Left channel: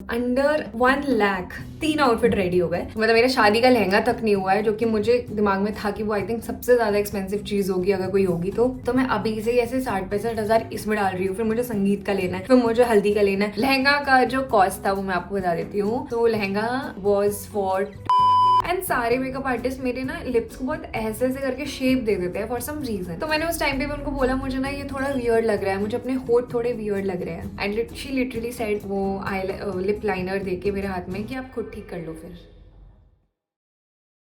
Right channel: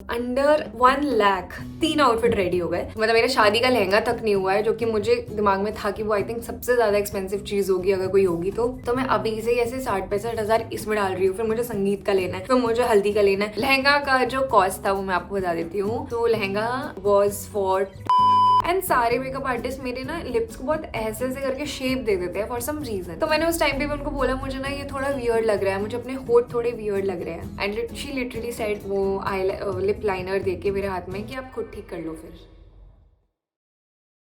Under 1 lakh 3 outfit ready हो गए। मतलब मेरा शादी का लहंगा तक नहीं हुआ है, जो कि मुझे दिमाग में था कि वो आई थिंक सबसे ज्यादा एक्सपेंसिव चीज होगी अगर कोई होगी तो मैं अभी से ही ऐसे 60-65 हजार इसमें डाल रही हूँ। फिर मुझे संगीत का लेना है, फिर मुझे हल्दी का लेना है। लहंगा का जो कॉस्ट था वो मैं आपको बता देती हूँ। तो लहंगा वॉज फॉर एंड सारे मेकअप आर्टिस्ट मेरे ना लिप्स को बहुत ऐसे ऐसे करके शेप दे देते हैं फॉर सम रीजन। तो मैंने उस टाइम पे भी उनको बोला मुझे ना ये थोड़ा वियर्ड लग रहा है, मुझे अपने होठ थोड़े वियर्ड लग रहे हैं। एंड शी लिटरली सेड वो लिप लाइनर देके मेरे हाथ में कि आप खुद ठीक कर लो फिर।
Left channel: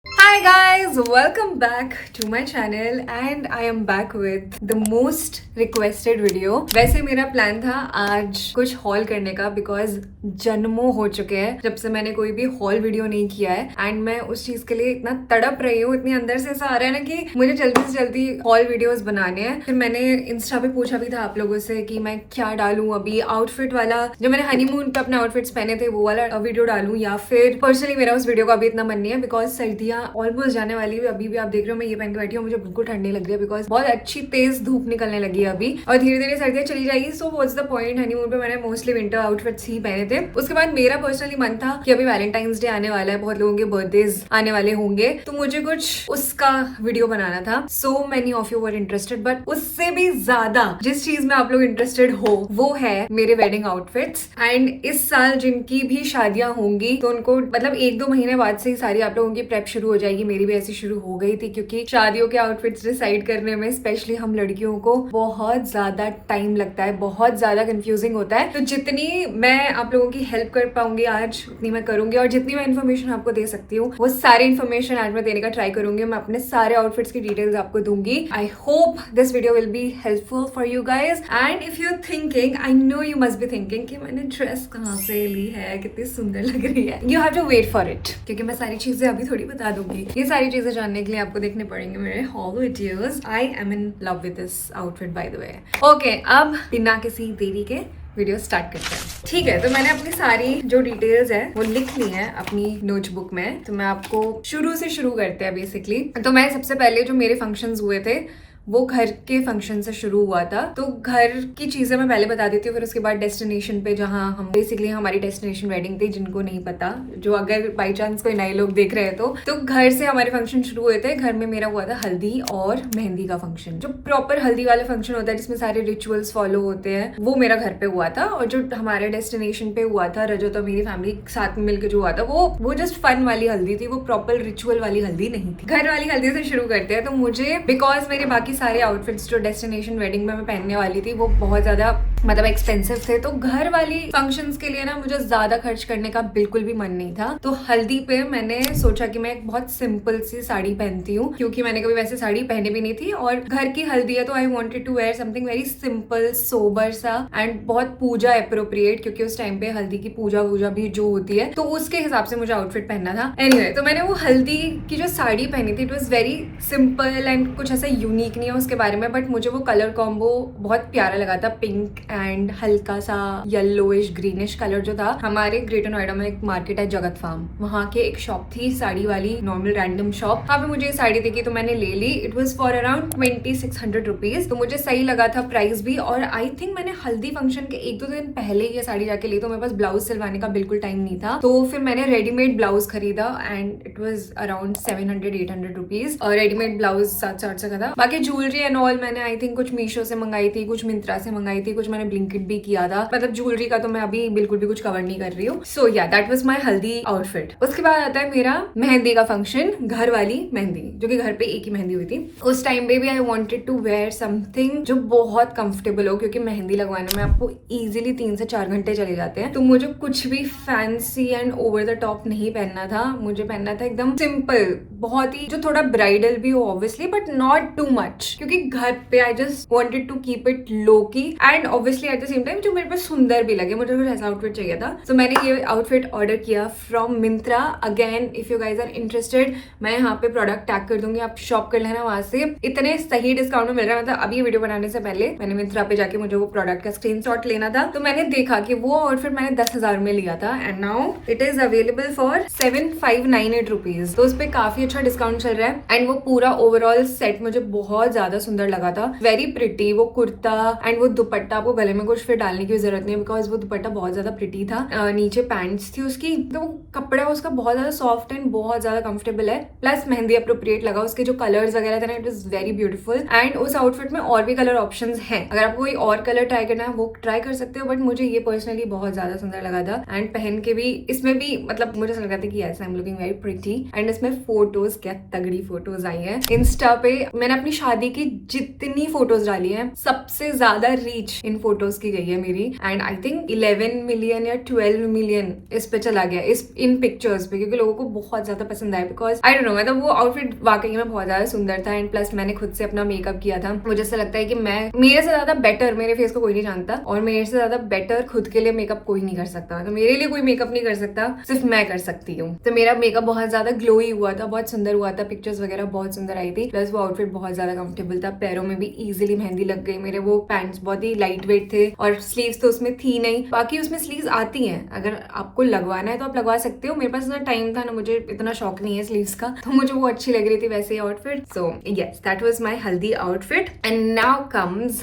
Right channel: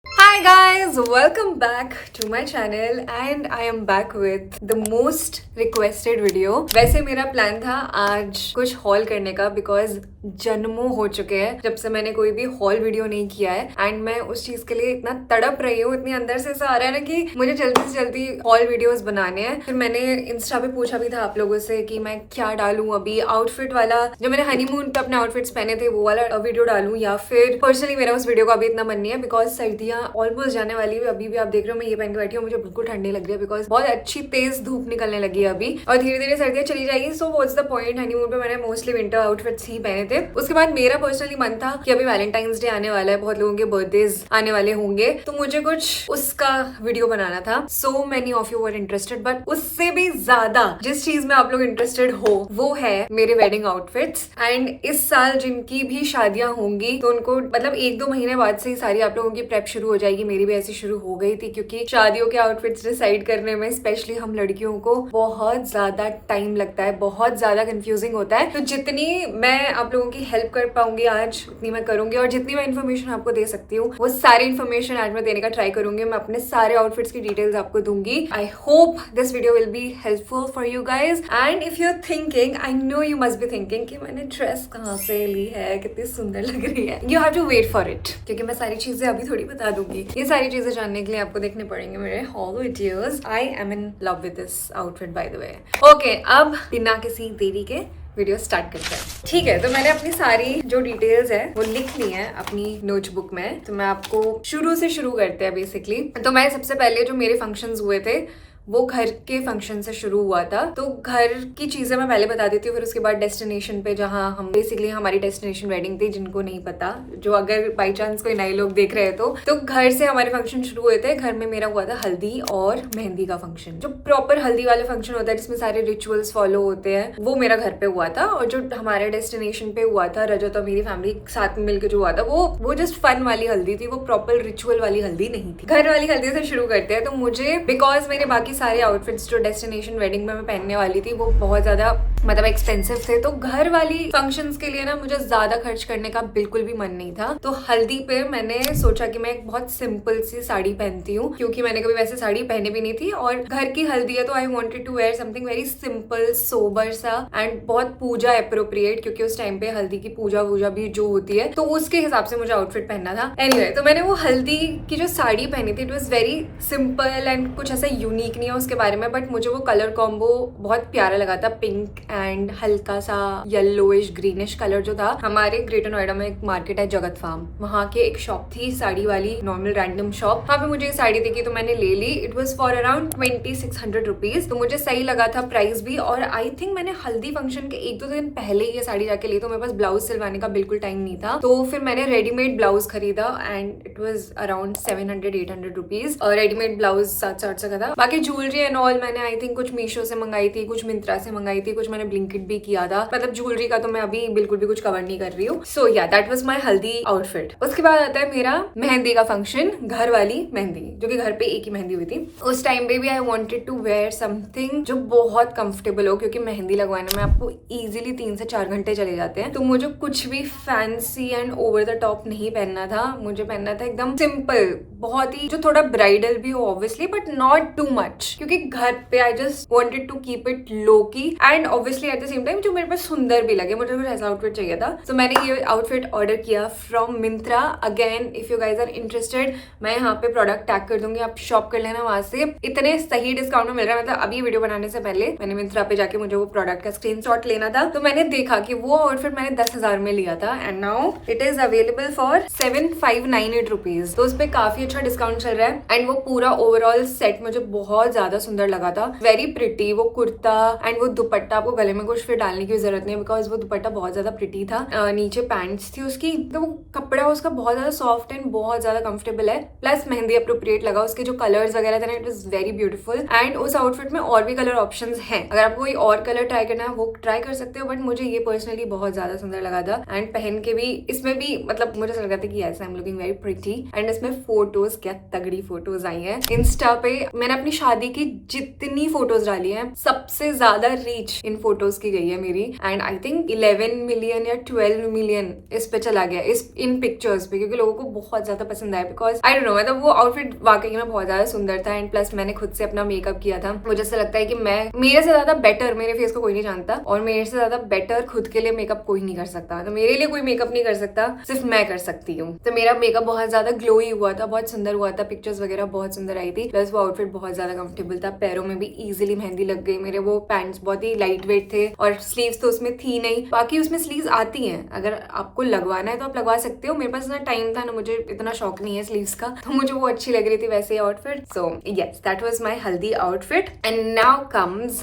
Hi guys, welcome back to my channel and I am back with the most requested video। वैसे मेरा प्लान था आज कुछ हॉल करने का बिकॉज जन्मों हो चुके हैं जब से मैंने कोई भी हॉल वीडियो नहीं किया है एंड मैं उस चीज के लिए इतना तड़प रही हूँ, इतनी अंदर से ऐसा आ रहा है ना कि मुझे जल्दी से जल्दी हॉल वीडियोस बनाने हैं। फिर मैंने इंस्टा पे पूछा भी था आप लोगों से कि मैं क्या डालूं, अभी आउटफिट वाला जो मैंने हनीमून पे अपने आउटफिट्स पहने थे वो वाला वीडियो डालूं या फिर पर्सनली मेरा उस वीडियो का अभी इतना मन नहीं है बिकॉज सर्दियां ऑलमोस्ट जाने वाली है। अभी भी आप देख रहे हो मैं ये पहन के बैठी हूँ, मुझे बिल्कुल ठंडी लग रही है बिकॉज बहुत अच्छी तेज धूप निकलने लगी है अभी और धीरे धीरे सर्दियां चली जाएगी। So what's the point, honeymoon पे मैंने मोस्टली विंटर आउटफिट्स ही पहने थे। उसके बाद मेरा पर्सनली मन था कि अभी वैलेंटाइंस डे आने वाला है, बहुत लोगों के बर्थडेज आने वाले होंगे, तो मुझे कुछ उसका वीडियो बनाना था। So many of you were interested, but उससे भी ज्यादा जिस चीज में आप लोग इंटरेस्टेड हो वो है मेरे वेडिंग आउटफिट्स। एंड इस साल जिनकी भी शादियां होंगी तो उनको मतलब 1-2 महीने बाद से ही सारी आप लोगों की प्रेप शुरू हो जाएगी। मेरी भी ऐसी शुरू हो गई थी क्योंकि शादियों के आउटफिट्स डिसाइड करने में स्पेशली हम लड़कियों को बहुत ज्यादा टाइम लगता है, बहुत ज्यादा कंफ्यूजिंग होता है। तो जितनी मैं आप लोगों की हेल्प कर पाऊंगी आज उतनी मैं करूंगी और जितनी मैं इन्फॉर्मेशन आपको दे सकती हूँ वो सारी इन्फॉर्मेशन आज मैं देने का ट्राई करूंगी। मैं अपने सारे आउटफिट्स की डिटेल्स आपको दूंगी। I hope this video will be helpful for you guys. And if you are thinking, I know you must be thinking कि मैंने ड्रेस कहाँ से ली है, कितनी सुंदर लग रही है, you have to wait for it क्योंकि मैं सारी चीजें अभी थोड़ी बता दूंगी। ये सारी चीजें जानने के लिए आपको देखने पड़ेंगे मेरे hall videos. I am in love with this outfit by the way. Okay, अब बिना किसी देरी के वीडियो स्टार्ट करते हैं। ठीक है, तो मैंने अपनी सारी जो डिटेल्स है वो लिख ली है अपनी नोटबुक में। तो मैं आपको शुरू से शुरू करते हैं बेसिकली। तो मैं सबसे पहले जो मेरे फंक्शंस हुए थे वो घर के फंक्शन से शुरू हुआ था। तो घर की चीजें मैं पहले बता देती हूँ, फिर उसके बाद डेस्टिनेशन पे जहाँ हम बेसिकली हमारी डेस्टिनेशन वेडिंग थी। जिनको नहीं पता, जो अगर बाई चांस कोई नए लोग देख रहे हैं तो घर से हमारे फंक्शन शुरू हुए थे। घर में मेरा हुआ था हल्दी और मेहंदी का फंक्शन। जो प्रॉपर हल्दी वाला फंक्शन होता है जिसमें सारे रिचुअल्स फॉलो होते हैं वो मेरा घर पे हुआ था। और जो हमारे डेस्टिनेशन पे हुआ था रजत और मेरी फैमिली साथ में मिलकर जो हुआ था वो जस्ट फन वाली हल्दी थी, वो प्रॉपर रिचुअल वाली हल्दी नहीं थी। घर वाली हल्दी से शुरू करते हैं। तो मुझे बिकॉज मेरे बाकी सारे आउटफिट्स जो डेस्टिनेशन वेडिंग में मैं पहनने वाली थी वो बहुत ज्यादा मतलब एक्सपेंसिव थे, तो घर वाली फंक्शंस के लिए ना मुझे ज्यादा खर्च करने का बिल्कुल भी मन नहीं था। तो हल्दी पे मैंने सोचा कि मैं एक बहुत सिंपल सी साड़ी पहनती हूँ क्योंकि मैंने कभी वैसे साड़ी पहनी भी नहीं थी और घर की हल्दी है तो I wanted to wear something very simple sober सा एंड बहुत पूजा अप्रोप्रिएट, क्योंकि उस टाइम पे हल्दी की पूजा भी जो होती है तो उसके हिसाब से मुझे आउटफिट पहनना था। एनीवे, तो मैंने वो हल्दी की जो साड़ी पहनी थी it was very simple and कुछ ऐसा यूनिक नहीं है उसके बारे में, बट मुझे वो कलर कॉम्बो बहुत प्यारा लगा था। पिंक एंड हल्का सा येलोइश ग्रीनिश कलर जो था। हमारे ग्रेटर नोएडा में एक मार्केट है जगत फार्म, वहाँ के एक शॉप थी साड़ी वाली, नॉर्मल रैंडम शॉप। वहाँ पे मुझे ये साड़ी देखी तो मैंने ले ली। It was for around 2600 rupees. तो मुझे सही लगा था प्राइस भी। और आई थिंक मैंने हल्दी फंक्शन के 1-2 दिन पहले ये साड़ी जाके ली, तो मेरे पास ब्लाउज सिलवाने का बिल्कुल टाइम नहीं था। तो फिर मैंने रेडीमेड ब्लाउज खरीदा and it was around 700-800 rupees. और रेडीमेड ब्लाउज 700 का था। बाकी ज्वेलरी एंड ऑल मैंने आई थिंक कुछ मीशो से मंगाई थी, कुछ मिंत्रा से मंगाई थी, कुछ मैंने ब्लिंकिट भी किया था। मतलब ज्वेलरी का तो मैं अभी बिल्कुल भी कुछ कवर नहीं कर रही हूँ। सो या दैट वाज माय हल्दी आउटफिट। उसके बाद आता है मेरा मेहंदी का फंक्शन, घर वाली मेहंदी, जो कि घर पे एक ही मेहंदी हुई थी। उस टाइम पे भी I wanted to wear something जो बहुत कंफर्टेबल हो, क्योंकि मेहंदी लगवाने में आपको इजीली 3 से 4 घंटे चले जाते हैं। तो मुझे कुछ भी fancy and over the top नहीं पहनना था। मुझे पहनना था एकदम सिंपल, बहुत ही जो थोड़ा ब्राइडल भी हो obviously but not too much, क्योंकि घर पे I just wanted to keep it low key and obviously at the same time जो मेरे पास सुंदर भी लगे। मुझे कुछ ऐसा आउटफिट चाहिए था। तो मैंने ये आउटफिट ऑर्डर किया from Myntra. Again if you guys are interested, मैं यहाँ पे प्रोडक्ट टैग कर दूंगी, आप शॉप कर लेना वहां से। इतने सही डिस्काउंट में मिल रहा है। मतलब अभी ये वीडियो बनाने से पहले मैंने मिंत्रा पे जाके मुझे वो प्रोडक्ट का स्क्रीनशॉट लेना था, तो मैंने देखा कि वो आउटफिट मैंने 10,000 में लिया था and now it is available for 7598 rupees. तो उस पर काफी अच्छा डिस्काउंट चल रहा है एंड वो पूरा ओवरऑल सेट मुझे बहुत बहुत ज्यादा सुंदर लगा था, वेरी प्रिटी। वो कुर्ता एंड वो दुपट्टा, आपको गले में कुछ फिर डालने की जरूरत नहीं बिकॉज वो दुपट्टा बहुत ज्यादा प्रिटी था। नीचे पैंट्स थी उसकी, तो वो कपड़ा उसका बहुत ज्यादा सॉफ्ट एंड बहुत ज्यादा कंफर्टेबल है, प्लस मेहंदी अप्रोप्रिएट लगा। उसके जो कलर्स वगैरह थे ना, it was very beautiful. And उस आउटफिट में और भी कलर ऑप्शंस हैं, अगर आपको कोई और कलर ट्राई करना है वो ट्राई कर सकते हो, बट मुझे ये पर्सनली बहुत ज्यादा सुंदर लगा था। एंड पहन के भी इसमें भी मतलब मुझे लगा था कि ऐसा I am looking very pretty. And इसमें फोटोज, क्या तगड़ी फोटोज आई है। इंस्टा पे मैंने अपनी शादी की जितनी फोटोज डाली है, सबसे ज्यादा रीच इन फोटोज की गई है मेरी। एंड आई थिंक 11 मिलियन या 12 मिलियन इस पे चला गया, इस इन पिक्चर्स पे, क्योंकि लोगों को बहुत ज्यादा पसंद आया। बिकॉज आई डोंट नो, मतलब वो आउटफिट वाकई में बहुत ज्यादा सुंदर था। एंड प्लस मैंने खुद से अपना मेकअप किया था। मुझे ऐसा लगता है कि मैं, मेरे से ज्यादा बेटर मेरे फेस को कोई नहीं जानता, और मेरे से ज्यादा बेटर खुद के लिए मेकअप कोई नहीं कर सकता। तो मेरे लिए कोई मेकअप नहीं कर सकता, सिर्फ मैं कर सकती हूँ। तो मेरा मेकअप बहुत ज्यादा ग्लोई हुआ था, बहुत सुंदर हुआ था, पिक्चर्स वगैरह बहुत सुंदर आई थी। प्लस वो आउटफिट बहुत ज्यादा कंफर्टेबल था, पैरों में भी इजिली मेहंदी लग गई मेरे। वो पैंट्स बहुत ही लाइट वेट थे, और स्लीव्स तो उसमें थी नहीं। बाकी उसमें स्लीव्स आती हैं, अगर आपको लगवाना है तो आप लगवा सकते हो। मेरे पास ना टाइम था ना, मुझे इतना शौक नहीं है स्लीव्स का, तो मुझे वो अच्छी लग रही थी वैसे outfit. So yes, that was my हल्दी आउटफिट। एंड नाउ कम्स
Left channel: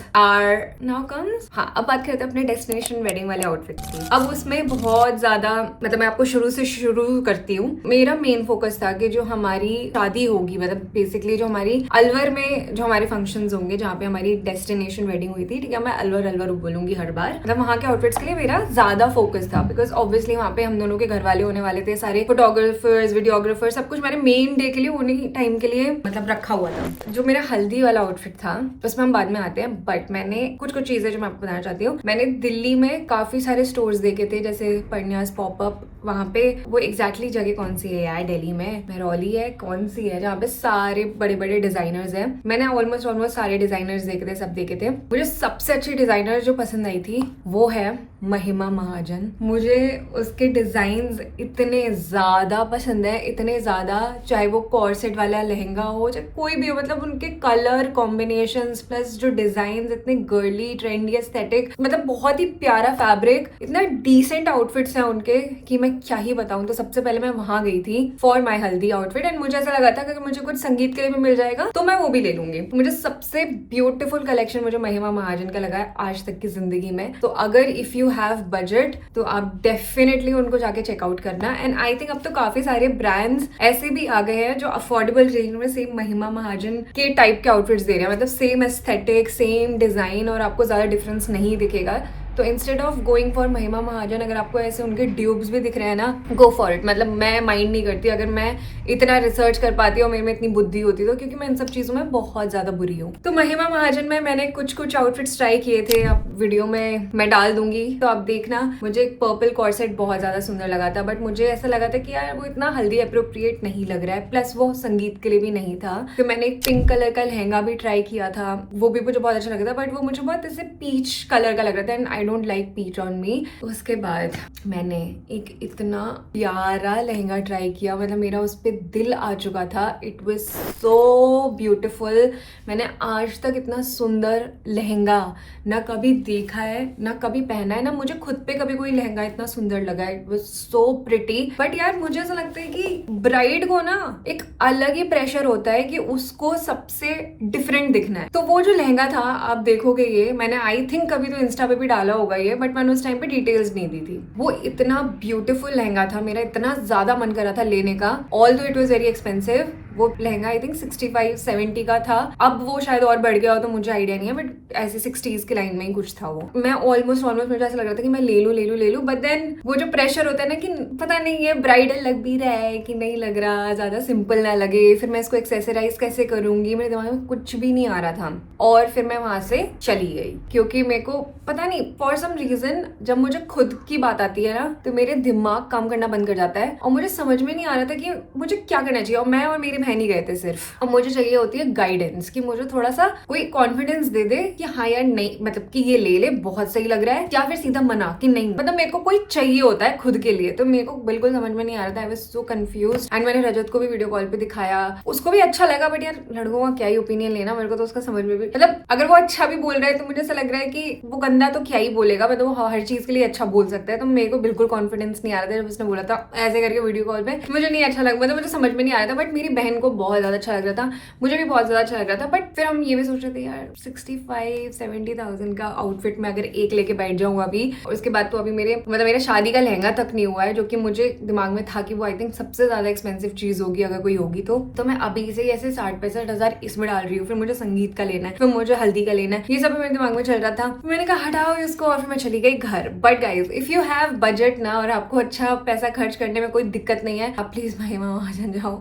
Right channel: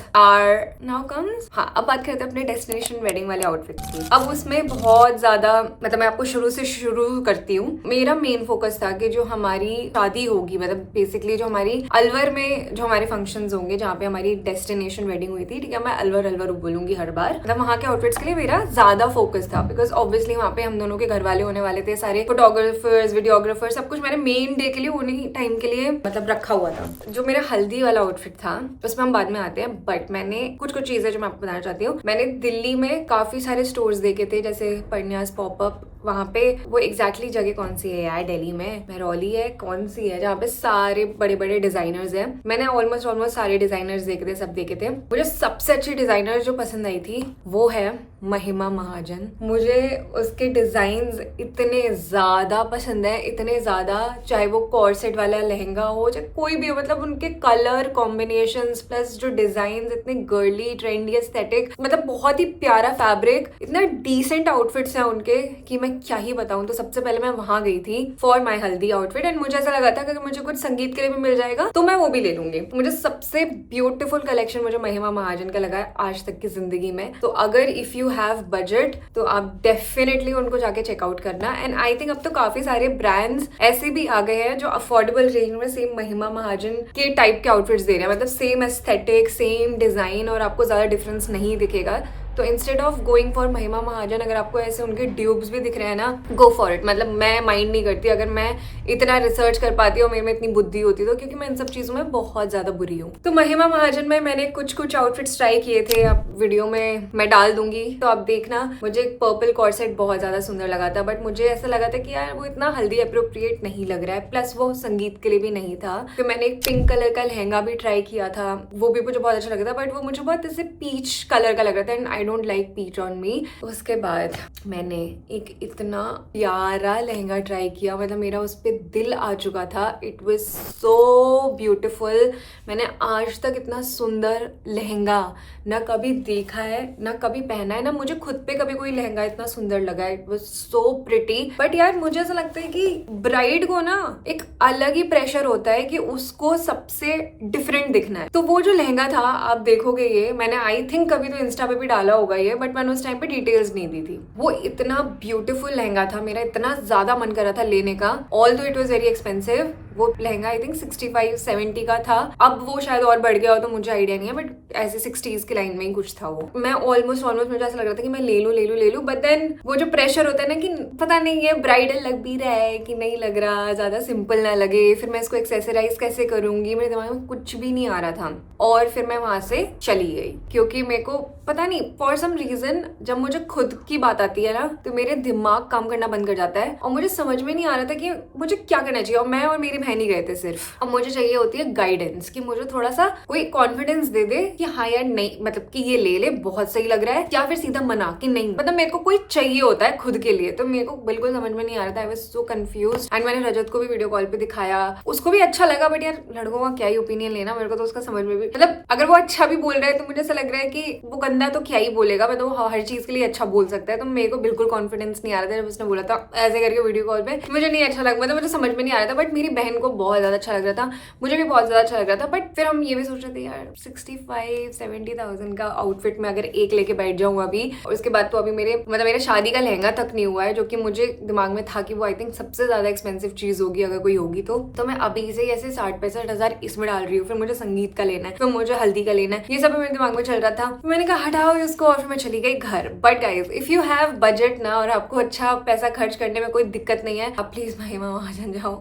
हाँ, अब बात करते हैं अपने डेस्टिनेशन वेडिंग वाले आउटफिट्स की। अब उसमें बहुत ज्यादा, मतलब मैं आपको शुरू से शुरू करती हूँ। मेरा मेन फोकस था कि जो हमारी शादी होगी, मतलब बेसिकली जो हमारी अलवर में जो हमारे फंक्शंस होंगे, जहाँ पे हमारी डेस्टिनेशन वेडिंग हुई थी, ठीक है, मैं अलवर बोलूंगी हर बार, मतलब वहाँ के आउटफिट्स के लिए मेरा ज्यादा फोकस था। बिकॉज ऑब्वियसली वहाँ पे हम दोनों के घर वाले होने वाले थे, सारे फोटोग्राफर्स, वीडियोग्राफर, सब कुछ मैंने मेन डे के लिए, उन्हीं टाइम के लिए मतलब रखा हुआ था। जो मेरा हल्दी वाला आउटफिट था उसमें हम बाद में आते हैं, बट मैंने कुछ चीजें जो मैं आपको बताना चाहती हूँ। मैंने दिल्ली में काफी सारे स्टोर्स देखे थे, जैसे परन्यास पॉपअप, वहाँ पे वो एग्जैक्टली जगह कौन सी है यार, दिल्ली में महरौली है, कौन सी है, जहाँ पे सारे बड़े बड़े डिजाइनर्स हैं। मैंने ऑलमोस्ट सारे डिजाइनर्स देखे थे, सब देखे थे। मुझे सबसे अच्छी डिजाइनर जो पसंद आई थी वो है महिमा महाजन। मुझे उसके डिजाइन इतने ज्यादा पसंद है, इतने ज्यादा, चाहे वो कॉर्सेट वाला लहंगा हो, चाहे कोई भी हो, मतलब उनके कलर कॉम्बिनेशंस प्लस जो डिजाइन इतने गर्ली, ट्रेंडी, एस्थेटिक, मतलब बहुत ही प्यारा फैब्रिक, इतना डिसेंट आउटफिट्स हैं उनके कि मैं क्या ही बताऊं। तो सबसे पहले मैं वहां गई थी फॉर माई हल्दी आउटफिट, एंड मुझे ऐसा लगा था कि मुझे कुछ संगीत के लिए भी मिल जाएगा तो मैं वो भी ले लूंगी। मुझे सबसे ब्यूटीफुल कलेक्शन मुझे महिमा महाजन का लगा है आज तक की जिंदगी में। तो अगर इफ यू हैव बजट तो आप डेफिनेटली उनको जाके चेकआउट करना। एंड आई थिंक अब तो काफी सारे ब्रांड्स ऐसे भी आ गए हैं जो अफोर्डेबल रेंज में सेम महिमा महाजन के टाइप के आउटफिट्स दे रहे हैं, मतलब सेम एस्थेटिक, सेम डिजाइन, और आपको ज्यादा डिफरेंस नहीं दिखेगा। तो इंस्टेड ऑफ गोइंग फॉर महिमा महाजन, अगर आपको ऐसे उनके ड्यूब्स भी दिख रहे हैं ना, गो फॉर इट। मतलब मैं माइंड नहीं करती, अगर मैं इतना रिसर्च कर पाती और मेरे में इतनी बुद्धि होती तो, क्योंकि मैं इन सब चीजों में बहुत ज्यादा बुरी हूँ। तो महिमा महाजन में मैंने कुछ आउटफिट्स ट्राई किए थे, अब वीडियो में मैं डाल दूंगी तो आप देखना। मुझे एक पर्पल कॉर्सेट बहुत ज्यादा सुंदर लगा था, बट मुझे ऐसा लगा था कि यार वो इतना हल्दी अप्रोप्रिएट नहीं लग रहा है, प्लस वो संगीत के लिए भी नहीं था। तो मैंने एक पिंक कलर का लहंगा भी ट्राई किया था, वो भी मुझे बहुत अच्छा लगा था, बट वो मुझे बहुत ऐसे पीच कलर का लग रहा था, and I don't like peach on me. उसके बाद मैंने एक इतना प्यारा लहंगा ट्राई किया, मतलब मेरा उस पर दिल आ चुका था। It was so beautiful. मैंने आज तक इतना सुंदर लहंगा ना कभी देखा है, ना कभी पहना है, ना मुझे खुद पे कभी कोई लहंगा इतना सुंदर लगा। It was so pretty. But यार मुझे ऐसा लगता है कि ब्राइड को ना एक अलग ही प्रेशर होता है कि उसको सबसे डिफरेंट दिखना है। तो वो जो लहंगा था, आप देखोगे, ये मैंने आई थिंक कभी तो इंस्टा पे भी डाला होगा ये, बट मैंने उस टाइम पे डिटेल्स नहीं दी थी। वो इतना ब्यूटीफुल लहंगा था, मेरा इतना ज्यादा मन कर रहा था लेने का, ऑल दो इट वाज वेरी एक्सपेंसिव। वो लहंगा आई थिंक 65-70 का था, अब वो शायद और बढ़ गया हो तो मुझे आइडिया नहीं है, बट ऐसे 60s की लाइन में ही कुछ था वो। मैं ऑलमोस्ट मुझे ऐसा लग रहा था कि मैं ले लूं, बट देन वो जो प्रेशर होता है ना कि पता नहीं ये ब्राइडल लग भी रहा है कि नहीं लग रहा, ज्यादा सिंपल ना लगे, फिर मैं इसको एक्सेसराइज कैसे करूंगी, मेरे दिमाग में कुछ भी नहीं आ रहा था। और फिर मैं वहां से चली गई, क्योंकि मेरे को पता नहीं फॉर सम रीजन जब मुझे खुद की बात आती है ना तो मेरे दिमाग काम करना बंद कर जाता है, और मुझे समझ में नहीं आ रहा था कि मुझे क्या करना चाहिए। और मैं और मेरी बहन ही गए थे सिर्फ, और मुझे चाहिए होती है गाइडेंस कि मुझे थोड़ा सा कोई कॉन्फिडेंस दे दे कि हाँ यार नहीं, मतलब कि ये ले बहुत सही लग रहा है, या फिर सीधा मना कि नहीं, मतलब मेरे को कोई चाहिए होता है खुद के लिए। तो मेरे को बिल्कुल समझ में नहीं आ रहा था, I was so confused. And मैंने रजत को भी वीडियो कॉल पे दिखाया, उसको भी अच्छा लगा, बट यार लड़कों का क्या ही ओपिनियन लेना, मेरे को तो उसका समझ में भी, मतलब अगर वो अच्छा भी बोल रहा है तो मुझे ऐसा लग रहा है कि वो गंदा तो क्या ही बोलेगा, मतलब वो हर चीज के लिए अच्छा बोल सकता है। तो मेरे को बिल्कुल कॉन्फिडेंस नहीं आ रहा था जब उसने बोला था ऐसे करके वीडियो कॉल पे, मुझे नहीं अच्छा लगा, मतलब मुझे समझ में नहीं आ रहा था। बट मेरी बहन बहन को बहुत ज्यादा अच्छा लग रहा था, मुझे भी बहुत ज्यादा अच्छा लग रहा था। बट फिर हम ये भी सोच रहे थे यार 65-70,000 का आउटफिट में अगर एक लेके बैठ जाऊंगा अभी, और उसके बाद तो अभी मेरे शादी का लहंगा तक नहीं हुआ है, जो कि मुझे दिमाग में था कि वो आई थिंक सबसे ज्यादा एक्सपेंसिव चीज होगी अगर कोई होगी तो मैं अभी से ऐसे 60-65 इसमें डाल रही हूँ। फिर मुझे संगीत का लेना है, फिर मुझे हल्दी का लेना है, ये सब मेरे दिमाग में चल रहा था। मैंने कहा हटाओ इसको और फिर मैं चली गई घर। But guys if you have budget ना और आपको अच्छा पैसा खर्च करने में कोई दिक्कत नहीं है, आप प्लीज भाई वहां जान जाओ।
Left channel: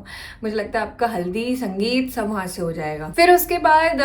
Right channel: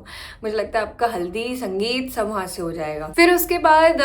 मुझे लगता है आपका हल्दी संगीत सब वहां से हो जाएगा। फिर उसके बाद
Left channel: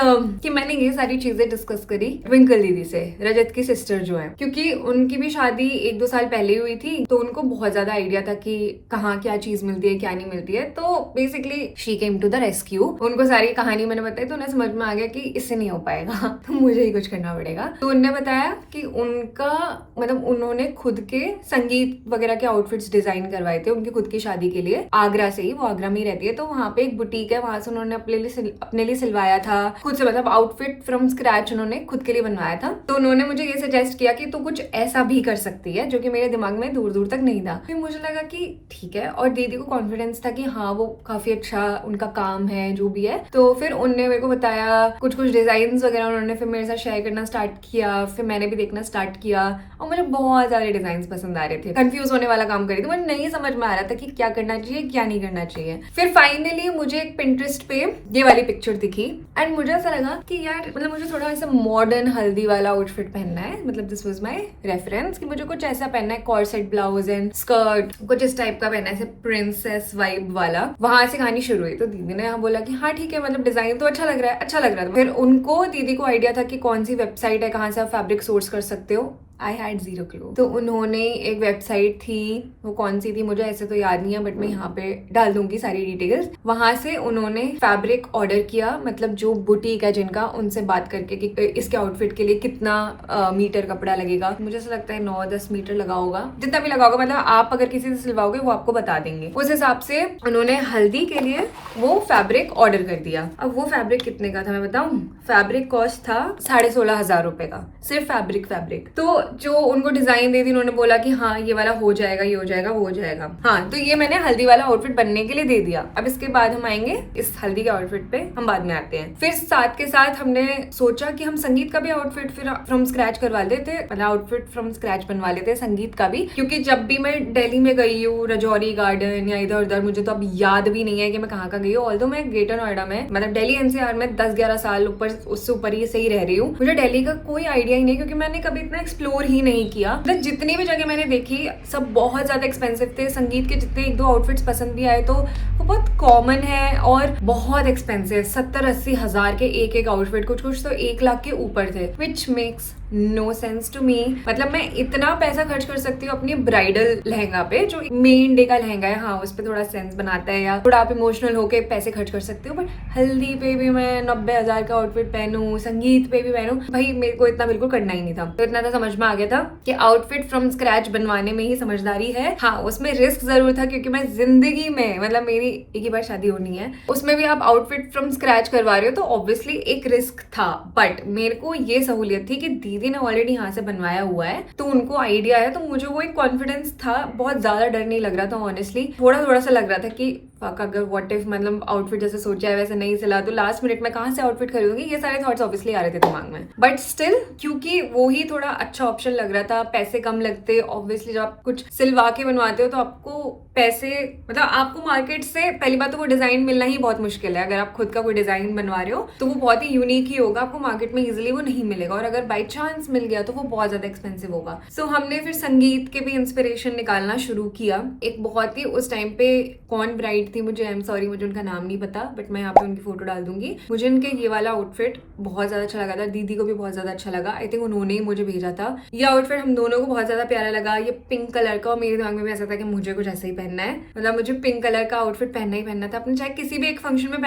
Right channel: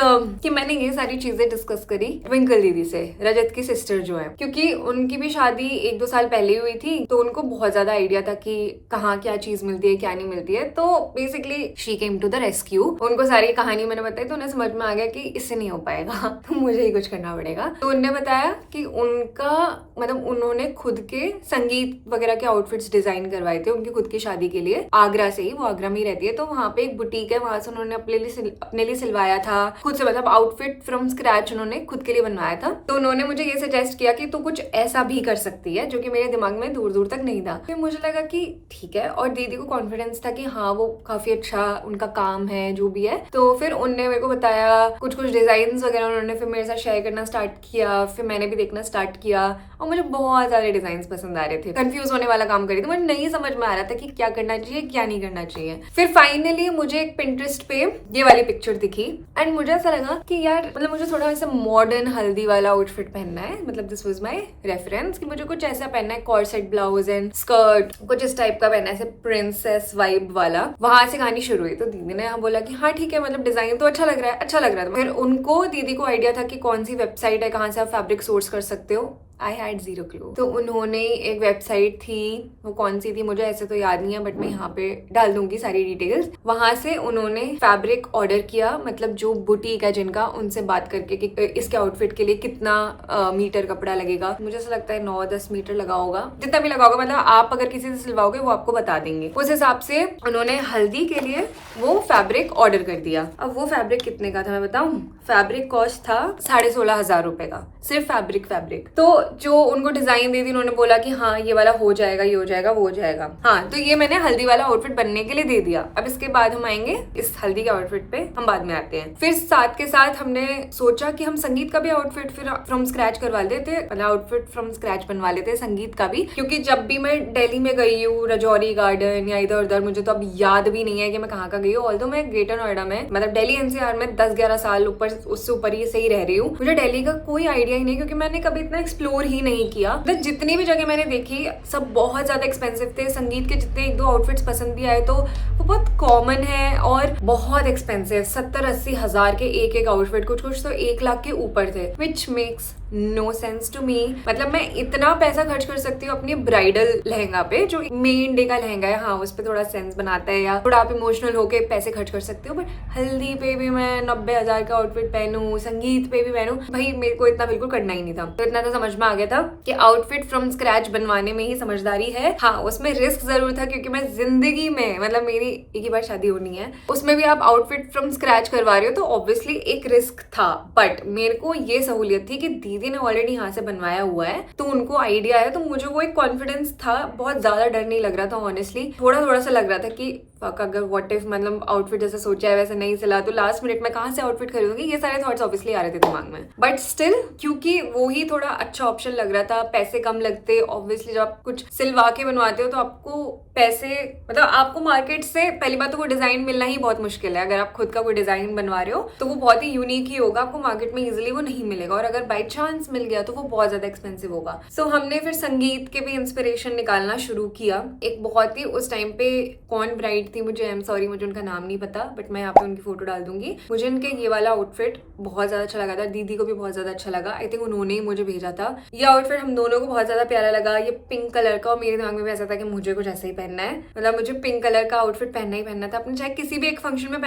कि मैंने ये सारी चीजें डिस्कस करी ट्विंकल दीदी से, रजत की सिस्टर जो है, क्योंकि उनकी भी शादी 1-2 साल पहले हुई थी, तो उनको बहुत ज्यादा आइडिया था कि कहाँ क्या चीज मिलती है क्या नहीं मिलती है। तो basically she came to the rescue. उनको सारी कहानी मैंने बताई तो उन्हें समझ में आ गया कि इससे नहीं हो पाएगा तो मुझे ही कुछ करना पड़ेगा। तो उनने बताया कि उनका मतलब उन्होंने खुद के संगीत वगैरह के आउटफिट्स डिजाइन करवाए थे उनकी खुद की शादी के लिए, आगरा से ही, वो आगरा में ही रहती है। तो वहाँ पे एक बुटीक है, वहां से उन्होंने अपने लिए सिलवाया था खुद से, मतलब आउटफिट फ्रॉम स्क्रैच उन्होंने खुद के लिए बनवाया था। तो उन्होंने मुझे ये सजेस्ट किया कि तू कुछ ऐसा भी कर सकती है, जो कि मेरे दिमाग में दूर दूर तक नहीं था। फिर मुझे लगा कि ठीक है, और दीदी को कॉन्फिडेंस था कि हाँ वो काफी अच्छा उनका काम है जो भी है। तो फिर उनने मेरे को बताया कुछ डिजाइन वगैरह, उन्होंने फिर मेरे साथ शेयर करना स्टार्ट किया, फिर मैंने भी देखना स्टार्ट किया, और मुझे बहुत सारे डिजाइन पसंद आ रहे थे। कंफ्यूज होने वाला काम करी थी, मुझे नहीं समझ में आ रहा था कि क्या करना चाहिए क्या नहीं करना चाहिए। फिर फाइनली मुझे एक पिंटरेस्ट पे ये वाली पिक्चर दिखी एंड मुझे ऐसा लगा कि यार मतलब मुझे थोड़ा ऐसा मॉडर्न हल्दी वाला आउटफिट पहनना है, मतलब दिस वाज माय रेफरेंस कि मुझे कुछ ऐसा पहनना है, कॉर्सेट ब्लाउज एंड स्कर्ट, कुछ इस टाइप का पहनना है, ऐसे प्रिंसेस वाइब वाला। वहां से कहानी शुरू हुई। तो दीदी ने यहाँ बोला कि हाँ ठीक है, मतलब डिजाइन तो अच्छा लग रहा है, अच्छा लग रहा था। फिर उनको दीदी को आइडिया था कि कौन सी वेबसाइट है, कहाँ से आप फैब्रिक सोर्स कर सकते हो। I had 0 clue. तो उन्होंने एक वेबसाइट थी, वो कौन सी थी मुझे ऐसे तो याद नहीं है, बट मैं यहाँ पे डाल दूंगी सारी डिटेल्स। वहां से उन्होंने फैब्रिक ऑर्डर किया, मतलब जो बुटीक है जिनका, उनसे बात करके कि इसके आउटफिट के लिए कितना मीटर कपड़ा लगेगा। मुझे ऐसा लगता है 9-10 मीटर लगा होगा, जितना भी लगा होगा, मतलब आप अगर किसी से सिलवाओगे वो आपको बता देंगे। उस हिसाब से उन्होंने हल्दी के लिए वो फैब्रिक ऑर्डर कर दिया। अब वो फैब्रिक कितने का था मैं बताऊं? फैब्रिक कॉस्ट था 16,500 रुपए का, सिर्फ फैब्रिक। तो जो उनको डिजाइन दी थी उन्होंने बोला कि हाँ ये वाला हो जाएगा, ये हो जाएगा, वो हो जाएगा। हाँ तो ये मैंने हल्दी वाला आउटफिट बनने के लिए दे दिया। अब इसके बाद हम आएंगे इस हल्दी के आउटफिट पे, हम बाद में आते हैं। फिर साथ के साथ हमने सोचा कि हम संगीत का भी आउटफिट फिर फ्रॉम स्क्रैच करवा लेते, मतलब आउटफिट फ्रॉम स्क्रैच बनवा लेते संगीत का भी, क्योंकि जब भी मैं दिल्ली में गई हूँ, रजौरी गार्डन या इधर उधर, मुझे तो अब याद भी नहीं है कि मैं कहाँ गई हूँ। ऑल्दो मैं ग्रेटर नोएडा में, मतलब दिल्ली एनसीआर में 10-11 साल ऊपर उससे ऊपर ही सही रह रही हूँ, मुझे दिल्ली का कोई आइडिया ही नहीं, क्योंकि मैंने कभी इतना एक्सप्लोर ही नहीं किया। मतलब जितनी भी जगह मैंने देखी सब बहुत ज्यादा एक्सपेंसिव थे। संगीत के जितने 1-2 आउटफिट्स पसंद भी आए तो वो बहुत कॉमन है और बहुत एक्सपेंसिव, 70-80 हजार के एक आउटफिट, कुछ तो 1 लाख के ऊपर थे, which makes no sense to me. मतलब मैं इतना पैसा खर्च कर सकती हूँ अपनी ब्राइडल लहंगा पे, जो मेन डे का लहंगा है, हाँ उस पर थोड़ा सेंस बनाता है या थोड़ा आप इमोशनल होके पैसे खर्च कर सकते हो, बट हल्दी पे भी मैं 90,000 का आउटफिट पहनूं, संगीत पे भी पहनूं, भाई मेरे को इतना बिल्कुल करना ही नहीं था। तो इतना तो समझ में आ गया था कि आउटफिट फ्रॉम स्क्रैच बनवाने में ही समझदारी है। हाँ उसमें रिस्क जरूर था, क्योंकि मैं जिंदगी में, मतलब मेरी एक ही बार शादी होनी है, उसमें भी आप आउटफिट फ्रॉम स्क्रैच करवा रहे हो तो ऑब्वियसली एक रिस्क था। बट मेरे को ये सहूलियत थी कि दीदी ने ऑलरेडी यहाँ से बनवाया हुआ है, तो उनको आइडिया है, तो मुझे वो एक कॉन्फिडेंस था। बहुत ज्यादा डर नहीं लग रहा था ऑनेस्टली, थोड़ा सा लग रहा था कि अगर व्हाट इफ, मतलब आउटफिट जैसे सोचा है वैसे नहीं सिला तो लास्ट मिनट में कहाँ से आउटफिट खरीदूंगी, ये सारे थॉट्स ऑब्वियसली आ रहे थे दिमाग में। बट स्टिल क्योंकि वो ही थोड़ा अच्छा ऑप्शन लग रहा था, पैसे कम लगते, ऑब्वियसली जब आप कुछ सिलवा के बनवाते हो तो आपको पैसे, मतलब आपको मार्केट से पहली बात तो वो डिजाइन मिलना ही बहुत मुश्किल है। अगर आप खुद का कोई डिजाइन बनवा रहे हो तो वो बहुत ही यूनिक ही होगा, आपको मार्केट में इजिली वो नहीं मिलेगा, और अगर बाई चांस मिल गया तो वो बहुत ज्यादा एक्सपेंसिव होगा। सो हमने फिर संगीत के भी इंस्पिरेशन निकालना शुरू किया। एक बहुत ही उस टाइम पे कौन ब्राइड थी, मुझे आई एम सॉरी मुझे उनका नाम नहीं पता, बट मैं यहाँ पे उनकी फोटो डाल दूंगी। मुझे इनके ये वाला आउटफिट बहुत ज्यादा अच्छा लगा था, दीदी को भी बहुत ज्यादा अच्छा लगा, आई थिंक उन्होंने ही मुझे भेजा था। ये आउटफिट हम दोनों को बहुत ज्यादा प्यारा लगा, ये पिंक कलर का, और मेरे दिमाग में भी ऐसा था कि मुझे कुछ ऐसा ही पहनना है, मतलब मुझे पिंक कलर का आउटफिट पहनना ही पहनना था, अपने चाहे किसी भी एक फंक्शन में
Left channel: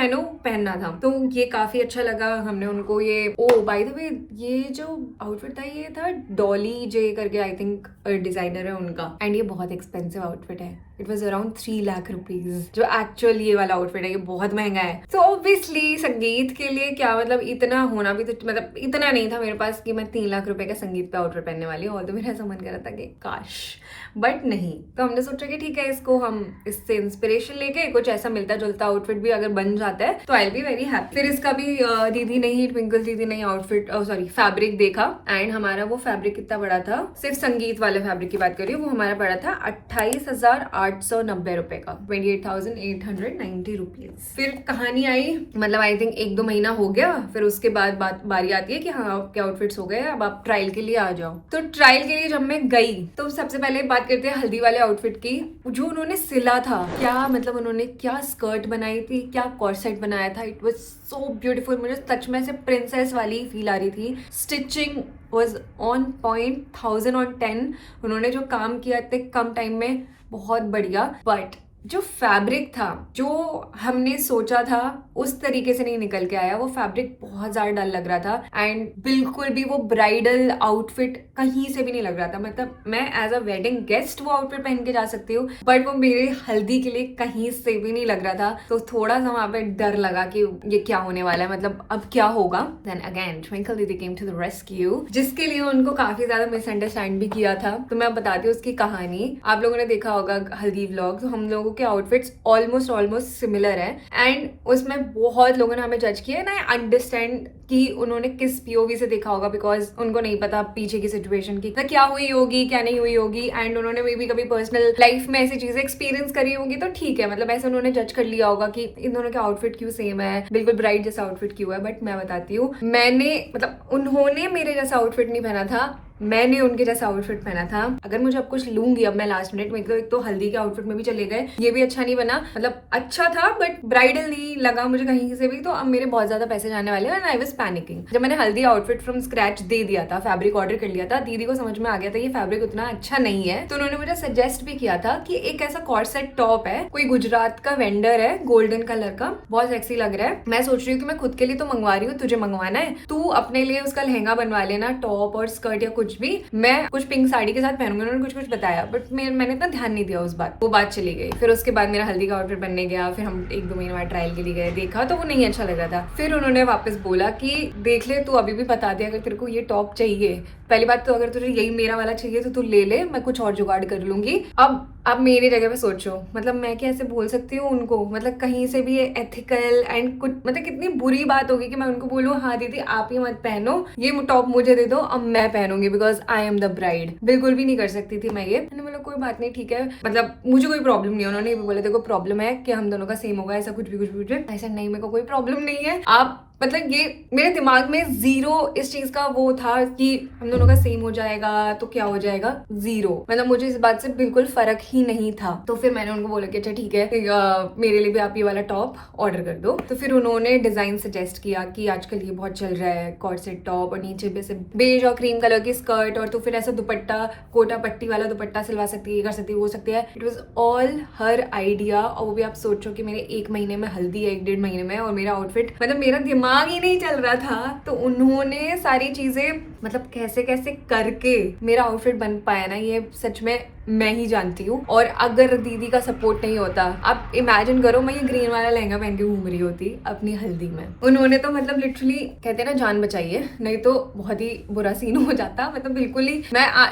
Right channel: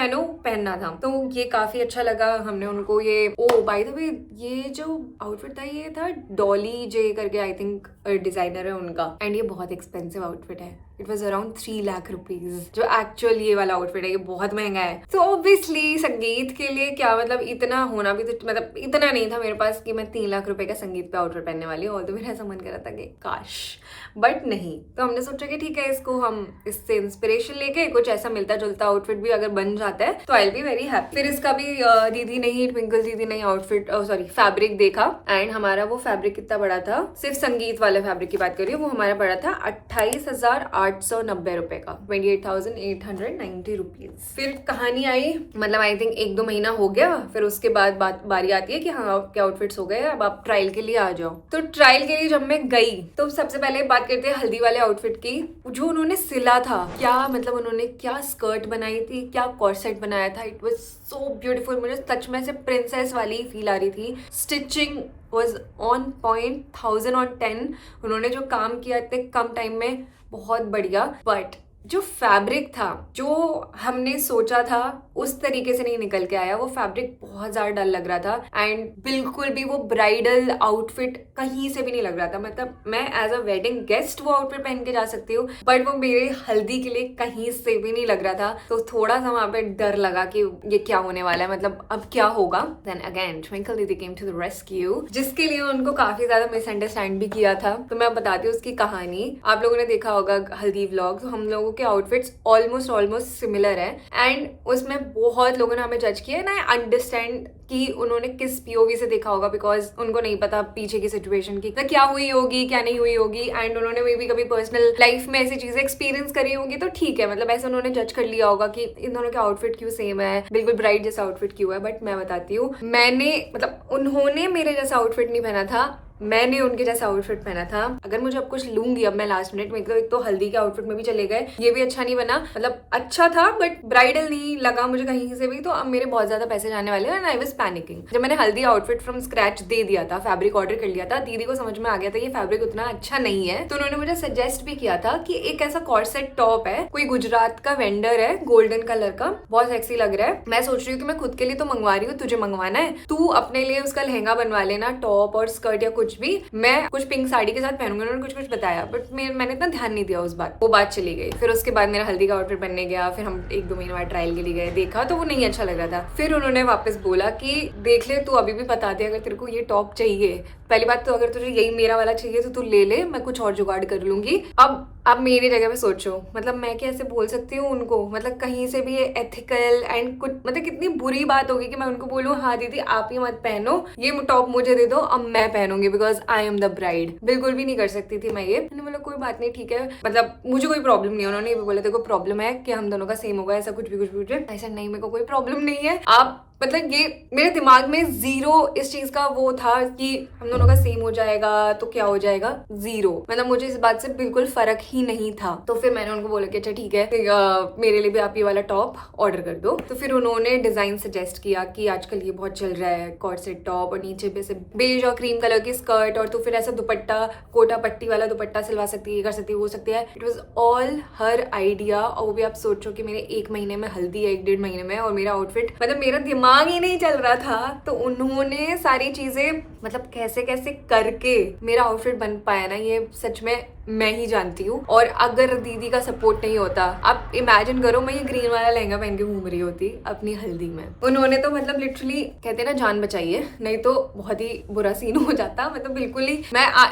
पहनना था। तो ये काफी अच्छा लगा। हमने उनको ये, ओ बाय द वे ये जो आउटफिट था ये था डॉली जे करके, आई थिंक डिजाइनर है उनका, एंड ये बहुत एक्सपेंसिव आउटफिट है। It was around 3 lakh rupees, जो एक्चुअल ये वाला आउटफिट है ये बहुत महंगा है। तो ऑब्वियसली संगीत के लिए क्या मतलब इतना होना भी तो मतलब इतना नहीं था मेरे पास कि मैं 3 लाख रुपए का संगीत पे आउटफिट पहनने वाली हूँ। और तो मेरा ऐसा मन कर रहा था कि काश, बट नहीं। तो हमने सोचा कि ठीक है, इसको हम इससे इंस्पिरेशन लेके कुछ ऐसा मिलता जुलता आउटफिट भी अगर बन जाता है तो I will be very happy. फिर इसका भी दीदी ने ही, ट्विंकल दीदी ने आउटफिट सॉरी फैब्रिक देखा, एंड हमारा वो फैब्रिक कितना बड़ा था, सिर्फ संगीत वाले फैब्रिक की बात करिए, वो हमारा पड़ा था 28,890 रुपए का, 28,890 रुपीज। फिर कहानी आई, मतलब आई थिंक 1-2 महीना हो गया, फिर उसके बाद बारी आती है कि हाँ आपके आउटफिट्स हो गए, अब आप ट्रायल के लिए आ जाओ। तो ट्रायल के लिए जब मैं गई तो सबसे पहले बात करते हैं हल्दी वाले आउटफिट की। जो उन्होंने सिला था, क्या मतलब उन्होंने क्या स्कर्ट बनाई थी, क्या कॉर्सेट बनाया था, इट वाज सो ब्यूटीफुल। मुझे सच में से प्रिंसेस वाली फील आ रही थी। Stitching was on point, 1000/10। उन्होंने जो काम किया इतने कम टाइम में, बहुत बढ़िया। बट जो फैब्रिक था, जो हमने सोचा था उस तरीके से नहीं निकल के आया। वो फैब्रिक बहुत ज्यादा डल लग रहा था, एंड बिल्कुल भी वो ब्राइडल आउटफिट कहीं से भी नहीं लग रहा था। मतलब मैं एज अ वेडिंग गेस्ट वो आउटफिट पहन के जा सकती हूँ, बट वो मेरे हल्दी के लिए कहीं से भी नहीं लग रहा था। तो थोड़ा सा वहां पे डर लगा कि ये क्या होने वाला है, मतलब अब क्या होगा। देन अगेन ट्विंकल दीदी केम टू द रेस्क्यू, जिसके लिए उनको काफी ज्यादा मिसअंडरस्टैंड भी किया था। तो मैं बताती हूँ उसकी कहानी। आप लोगों ने देखा होगा हल्दी व्लॉग, तो हम लोगों के आउटफिट्स ऑलमोस्ट सिमिलर है, एंड उसमें बहुत लोगों ने हमें जज किया। एंड आई अंडरस्टैंड कि उन्होंने किस पीओवी से देखा होगा, बिकॉज उनको नहीं पता पीछे की सिचुएशन की क्या हुई होगी, क्या नहीं हुई होगी, एंड उन्होंने मे भी कभी पर्सनल लाइफ में ऐसी चीजें एक्सपीरियंस करी होगी, तो ठीक है, मतलब ऐसे उन्होंने जज कर लिया होगा कि इन दोनों के आउटफिट क्यों सेम है, बिल्कुल ब्राइड जैसा आउटफिट क्यों है। बट मैं बताती हूँ, मैंने मतलब उन्होंने मेरे जैसा आउटफिट नहीं पहना था, मैंने उनके जैसा आउटफिट पहना था। अगर मुझे अब कुछ लूंगी अब मैं लास्ट मिनट में, मतलब एक तो हल्दी के आउटफिट में भी चले गए, ये भी अच्छा नहीं बना, मतलब अच्छा था बट ब्राइडल नहीं लगा मुझे कहीं से भी। तो अब मेरे बहुत ज्यादा पैसे जाने वाले हैं, एंड आई वाज पैनिकिंग। जब मैंने हल्दी आउटफिट फ्रॉम स्क्रैच दे दिया था, फैब्रिक ऑर्डर कर लिया था, दीदी को समझ में आ गया था ये फैब्रिक उतना अच्छा नहीं है। तो उन्होंने मुझे सजेस्ट भी किया था कि एक ऐसा कॉर्सेट टॉप है, कोई गुजरात का वेंडर है, गोल्डन कलर का, बहुत सेक्सी लग रहा है। मैं सोच रही हूँ कि मैं खुद के लिए तो मंगवा रही हूँ, तुझे मंगवाना है, तू अपने लिए उसका लहंगा बनवा लेना, टॉप और स्कर्ट या कुछ भी, मैं कुछ पिंक साड़ी के साथ पहनूंगी। उन्होंने कुछ बताया, बट मैंने इतना ध्यान नहीं दिया उस बात, वो बात चली गई। फिर उसके बाद मेरा हल्दी का आउटफिट बनने गया, फिर हम 1-2 महीने बाद ट्रायल के लिए गए, देखा तो वो नहीं अच्छा लग रहा था। फिर उन्होंने वापस बोला कि देख ले, तू अभी भी बता दे अगर तेरे को ये टॉप चाहिए। पहली बात तो अगर तुझे यही मेरा वाला चाहिए तो तू ले ले, मैं कुछ और जुगाड़ कर लूंगी। अब मेरी जगह पे सोचो, मतलब मैं कैसे बोल सकती हूँ उनको, मतलब कहीं से भी एथिकल एंड कुछ, मतलब कितनी बुरी बात होगी कि मैं उनको बोलूँ हाँ दीदी आप ही मत पहनो, ये टॉप मुझे दे दो, अब मैं पहनूंगी because I am the bride. बिल्कुल भी नहीं कर सकती थी मैं ये। मैंने बोला कोई बात नहीं, ठीक है, मतलब मुझे कोई प्रॉब्लम नहीं है। उन्होंने ये भी बोला देखो प्रॉब्लम है कि हम दोनों का सेम होगा, ऐसा कुछ भी ऐसा नहीं, मेरे को कोई प्रॉब्लम नहीं है। आप मतलब ये मेरे दिमाग में जीरो इस चीज का वो था कि हम दोनों का सेम हो जाएगा तो क्या हो जाएगा, जीरो। मतलब मुझे इस बात से बिल्कुल फर्क ही नहीं था। तो फिर मैंने उनको बोला कि अच्छा ठीक है, मेरे लिए भी आप ये वाला टॉप ऑर्डर कर दो। तो फिर उन्होंने डिजाइन सजेस्ट किया कि आजकल ये बहुत चल रहा है कॉर्सेट टॉप, और नीचे पे से बेज और क्रीम कलर की स्कर्ट, और तो फिर ऐसा दुपट्टा, कोटा पट्टी वाला दुपट्टा सिलवा सकती है, ये कर सकती है, वो सकती है। It was all her idea. और वो भी आप सोचो कि मेरे 1 महीने में हल्दी है, 1-1.5 महीने में, और मेरा आउटफिट, मतलब मेरा दिमाग ही नहीं चल रहा था। तो उन्होंने सारी चीजें मतलब कैसे कैसे करके मेरा आउटफिट बन पाया ना, ये सच में मैं ही जानती हूँ। और अगर दीदी का सपोर्ट नहीं होता, आप इमेजिन करो मैं ये ग्रीन वाला लहंगा पहन के घूम रही होती अपनी हल्दी में। उन्होंने तो मतलब लिटरली कहते हैं ना जान बचाई है, नहीं तो बहुत ही बुरा सीन हो जाता। मतलब बिल्कुल ही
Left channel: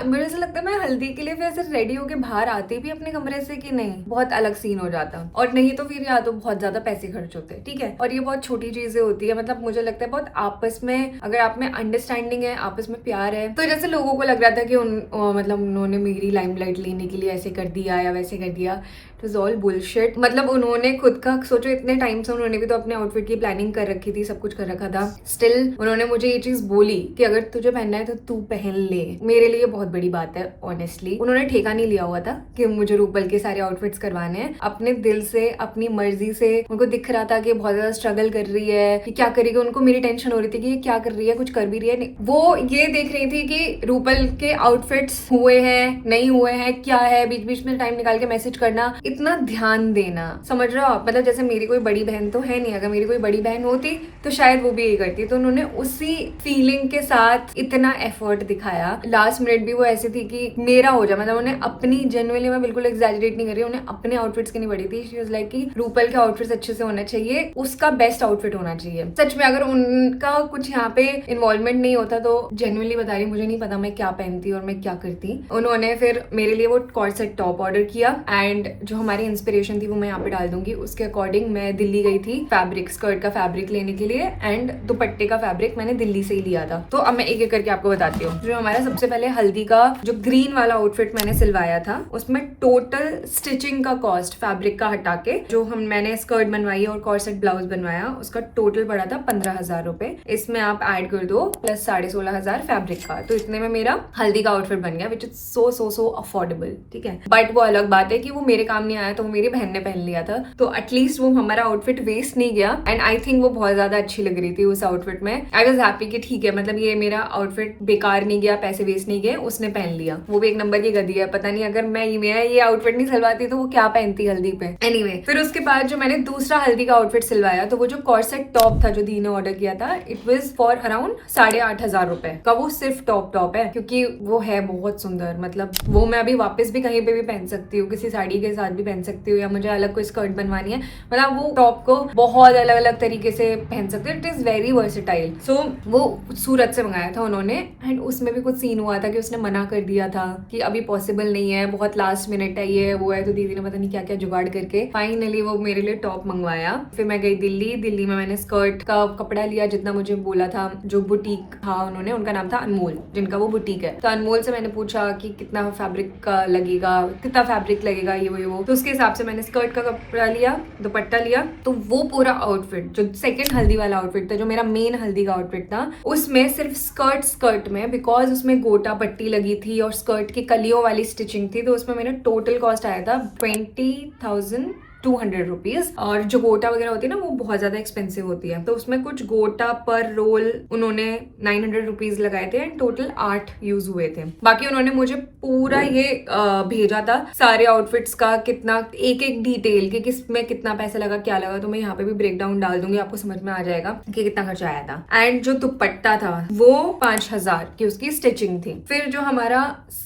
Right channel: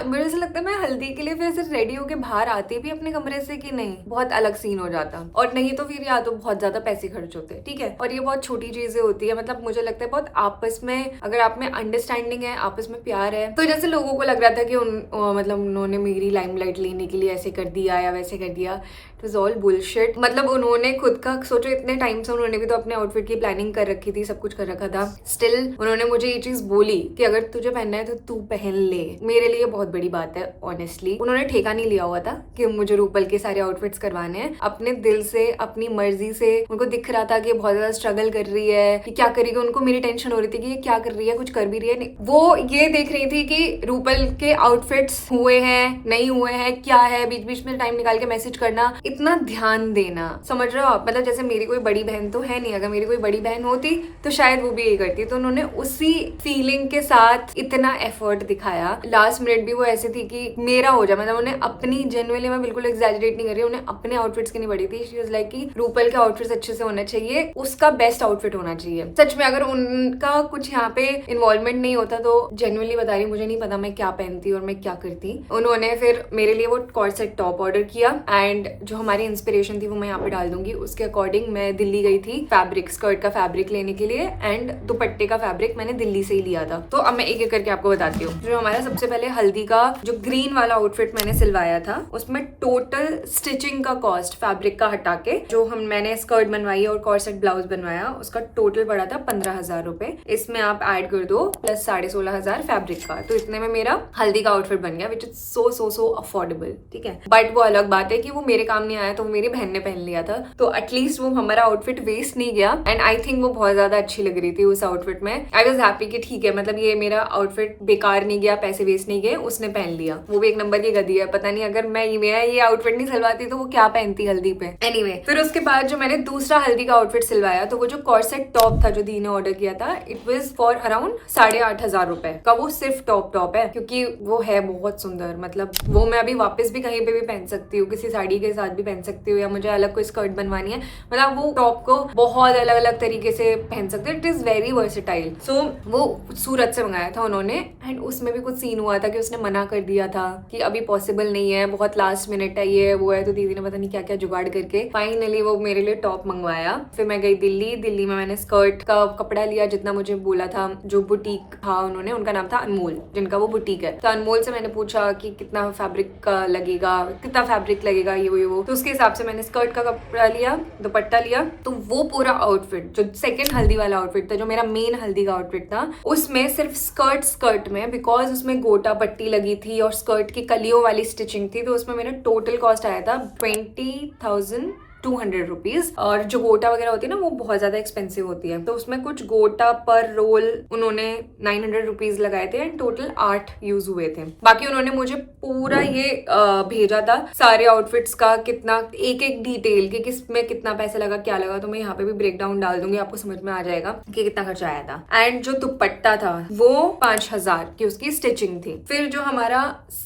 मुझे ऐसा लगता है मैं हल्दी के लिए वैसे रेडी होके बाहर आती भी अपने कमरे से कि नहीं, बहुत अलग सीन हो जाता। और नहीं तो फिर या तो बहुत ज्यादा पैसे खर्च होते, ठीक है। और ये बहुत छोटी चीजें होती है, मतलब मुझे लगता है बहुत आपस में, अगर आप में अंडरस्टैंडिंग है, आपस में प्यार है। तो जैसे लोगों को लग रहा था कि मतलब उन्होंने मेरी लाइमलाइट लेने के लिए ऐसे कर दिया या वैसे कर दिया, इट वाज ऑल बुलशिट। मतलब उन्होंने खुद का सोचो, इतने टाइम से उन्होंने भी तो अपने आउटफिट की प्लानिंग कर रखी थी, सब कुछ कर रखा था। स्टिल उन्होंने मुझे ये चीज बोली कि अगर तुझे पहनना है तो तू पहन ले। मेरे लिए बहुत बड़ी बात है ऑनेस्टली। उन्होंने ठेका नहीं लिया हुआ था कि मुझे रूपल के सारे आउटफिट्स करवाने हैं, अपने दिल से, अपनी मर्जी से। उनको दिख रहा था कि बहुत ज्यादा स्ट्रगल कर रही है, कि क्या करेगी। उनको मेरी टेंशन हो रही थी कि ये क्या कर रही है, कुछ कर भी रही है नहीं। वो ये देख रही थी कि रूपल के आउटफिट्स हुए हैं नहीं हुए हैं, क्या है, बीच बीच में टाइम निकाल के मैसेज करना। इतना ध्यान देना, समझ रहे हो आप? मतलब जैसे मेरी कोई बड़ी बहन तो है नहीं, अगर मेरी कोई बड़ी बहन होती तो शायद वो भी यही करती। तो उन्होंने उसी फीलिंग के साथ इतना एफर्ट दिखाया। लास्ट मिनट भी वो ऐसे थी कि मेरा हो जाए, मतलब उन्हें अपनी, जेन्युइनली मैं बिल्कुल एग्जैजरेट नहीं कर रही, उन्हें अपने आउटफिट्स की नहीं पड़ी थी। शी वाज लाइक कि रूपल के आउटफिट्स अच्छे से होना चाहिए, उसका बेस्ट आउटफिट होना चाहिए। सच में अगर उनका कुछ यहाँ पे इन्वॉल्वमेंट नहीं होता तो जेन्युइनली बता रही, मुझे नहीं पता मैं क्या पहनती और मैं क्या करती। उन्होंने फिर मेरे लिए वो कॉर्सेट टॉप ऑर्डर किया एंड जो हमारी इंस्पिरेशन थी वो मैं यहाँ पे डाल दूंगी। उसके अकॉर्डिंग मैं दिल्ली गई थी फैब्रिक, स्कर्ट का फैब्रिक लेने के लिए एंड दुपट्टे का फैब्रिक मैंने दिल्ली से ही लिया था। तो अब मैं एक एक करके आपको बताती हूँ। जो हमारा सबसे पहले हल्दी का जो ग्रीन वाला आउटफिट मैंने सिलवाया था, उसमें टोटल स्टिचिंग का कॉस्ट फैब्रिक का हटा के जो मैंने स्कर्ट बनवाई और कॉर्सेट ब्लाउज बनवाया, उसका टोटल पड़ा था 15,000 रुपए। इसमें आप ऐड कर दो प्लस 16,500 फैब्रिक का, तो इतने में मेरा हल्दी का आउटफिट बन गया, विच इज सो अफोर्डेबल। ठीक है, बट वो अलग बात है कि वो मेरे काम नहीं आया, तो वो मेरी बहन ने पहन लिया था, तो एटलीस्ट वो हमारा आउटफिट वेस्ट नहीं गया। एंड आई थिंक वो बहुत ज्यादा अच्छी लग रही थी उस आउटफिट में। आई वॉज हैप्पी कि ठीक है, मतलब ये मेरा आउटफिट बेकार नहीं गया, पैसे वेस्ट नहीं गए, उसने पहन लिया। वो भी एक नंबर की गधी है, पता नहीं अगर मैं ये आउटफिट नहीं सिलवाती तो वो क्या पहनती हल्दी पे। एनीवे, फिर उसके बाद जो मैंने दूसरा हल्दी का आउटफिट सिलवाया, तो वो जो कॉर्सेट टॉप था जो दी ने ऑर्डर किया था, इट वॉज फॉर अराउंड 8,500 रुपए का। वो सिर्फ टॉप है, क्योंकि वो है बहुत सुंदर, मतलब वो मैं अभी वापस भी कहीं पे भी पहन सकती हूँ, किसी साड़ी के साथ भी पहन सकती हूँ, या मुझे अलग कोई स्कर्ट बनवानी है, मतलब वो टॉप को बहुत अलग अलग तरीके से पहन सकते हैं। It is very versatile. So वो सूरत से मंगाया था उन्होंने, एंड उसमें भी कुछ सीन हुआ था कि उसने मना कर दिया था कि अभी पॉसिबल नहीं है, बहुत लास्ट मिनट है, ये वो है। तो दीदी ने पता नहीं क्या क्या जुगाड़ करके फाइनली वो मेरे लिए टॉप मंगवाया। फिर मैं गई दिल्ली में मैंने स्कर्ट का कपड़ा लिया जितना मुझे बोला था। जो बुटीक था उन्होंने, उनका नाम था अनमोल, जिनका वो बुटीक है, तो अनमोल से मैंने पूछा कि कितना फैब्रिक का लगेगा, कितना फैब्रिक लगेगा, ये वो। तो उसके हिसाब से मैंने स्कर्ट का कपड़ा लिया, दुपट्टा लिया। तो वो पूरा आउटफिट जो सेकंड हल्दी वाला आउटफिट था, जो मेरा मेन हल्दी का आउटफिट था, उसमें सिर्फ स्कर्ट में, बिकॉज उसमें गोटा पट्टी लगी थी और स्कर्ट की कलियों वाली स्टिचिंग थी, तो उसमें मेरा टोटल कॉस्ट आया था 20,200 रुपीज। और जो गोटा वगैरह होती है ना, वो बहुत ज्यादा एक्सपेंसिव होती है, तो उसमें कुछ गोटा पर रोल उन्होंने 900 रुपीज लगाए थे एंड टोटल 8 यूज हुए थे। बाकी उन्होंने मुझे पूरा ये भेजा था सारे आउटफिट्स का, कितना एक एक डिटेल कि किस में कितना पैसे लगा, क्या लगा। तो मैं यहाँ पे भी ब्रेक डाउन डाल दूंगी, आपको समझ में आ जाएगा कि कितना खर्चा आया था। एंड जो दुपट्टा था वो 5,000 की उसकी स्टिचिंग थी। फिर जो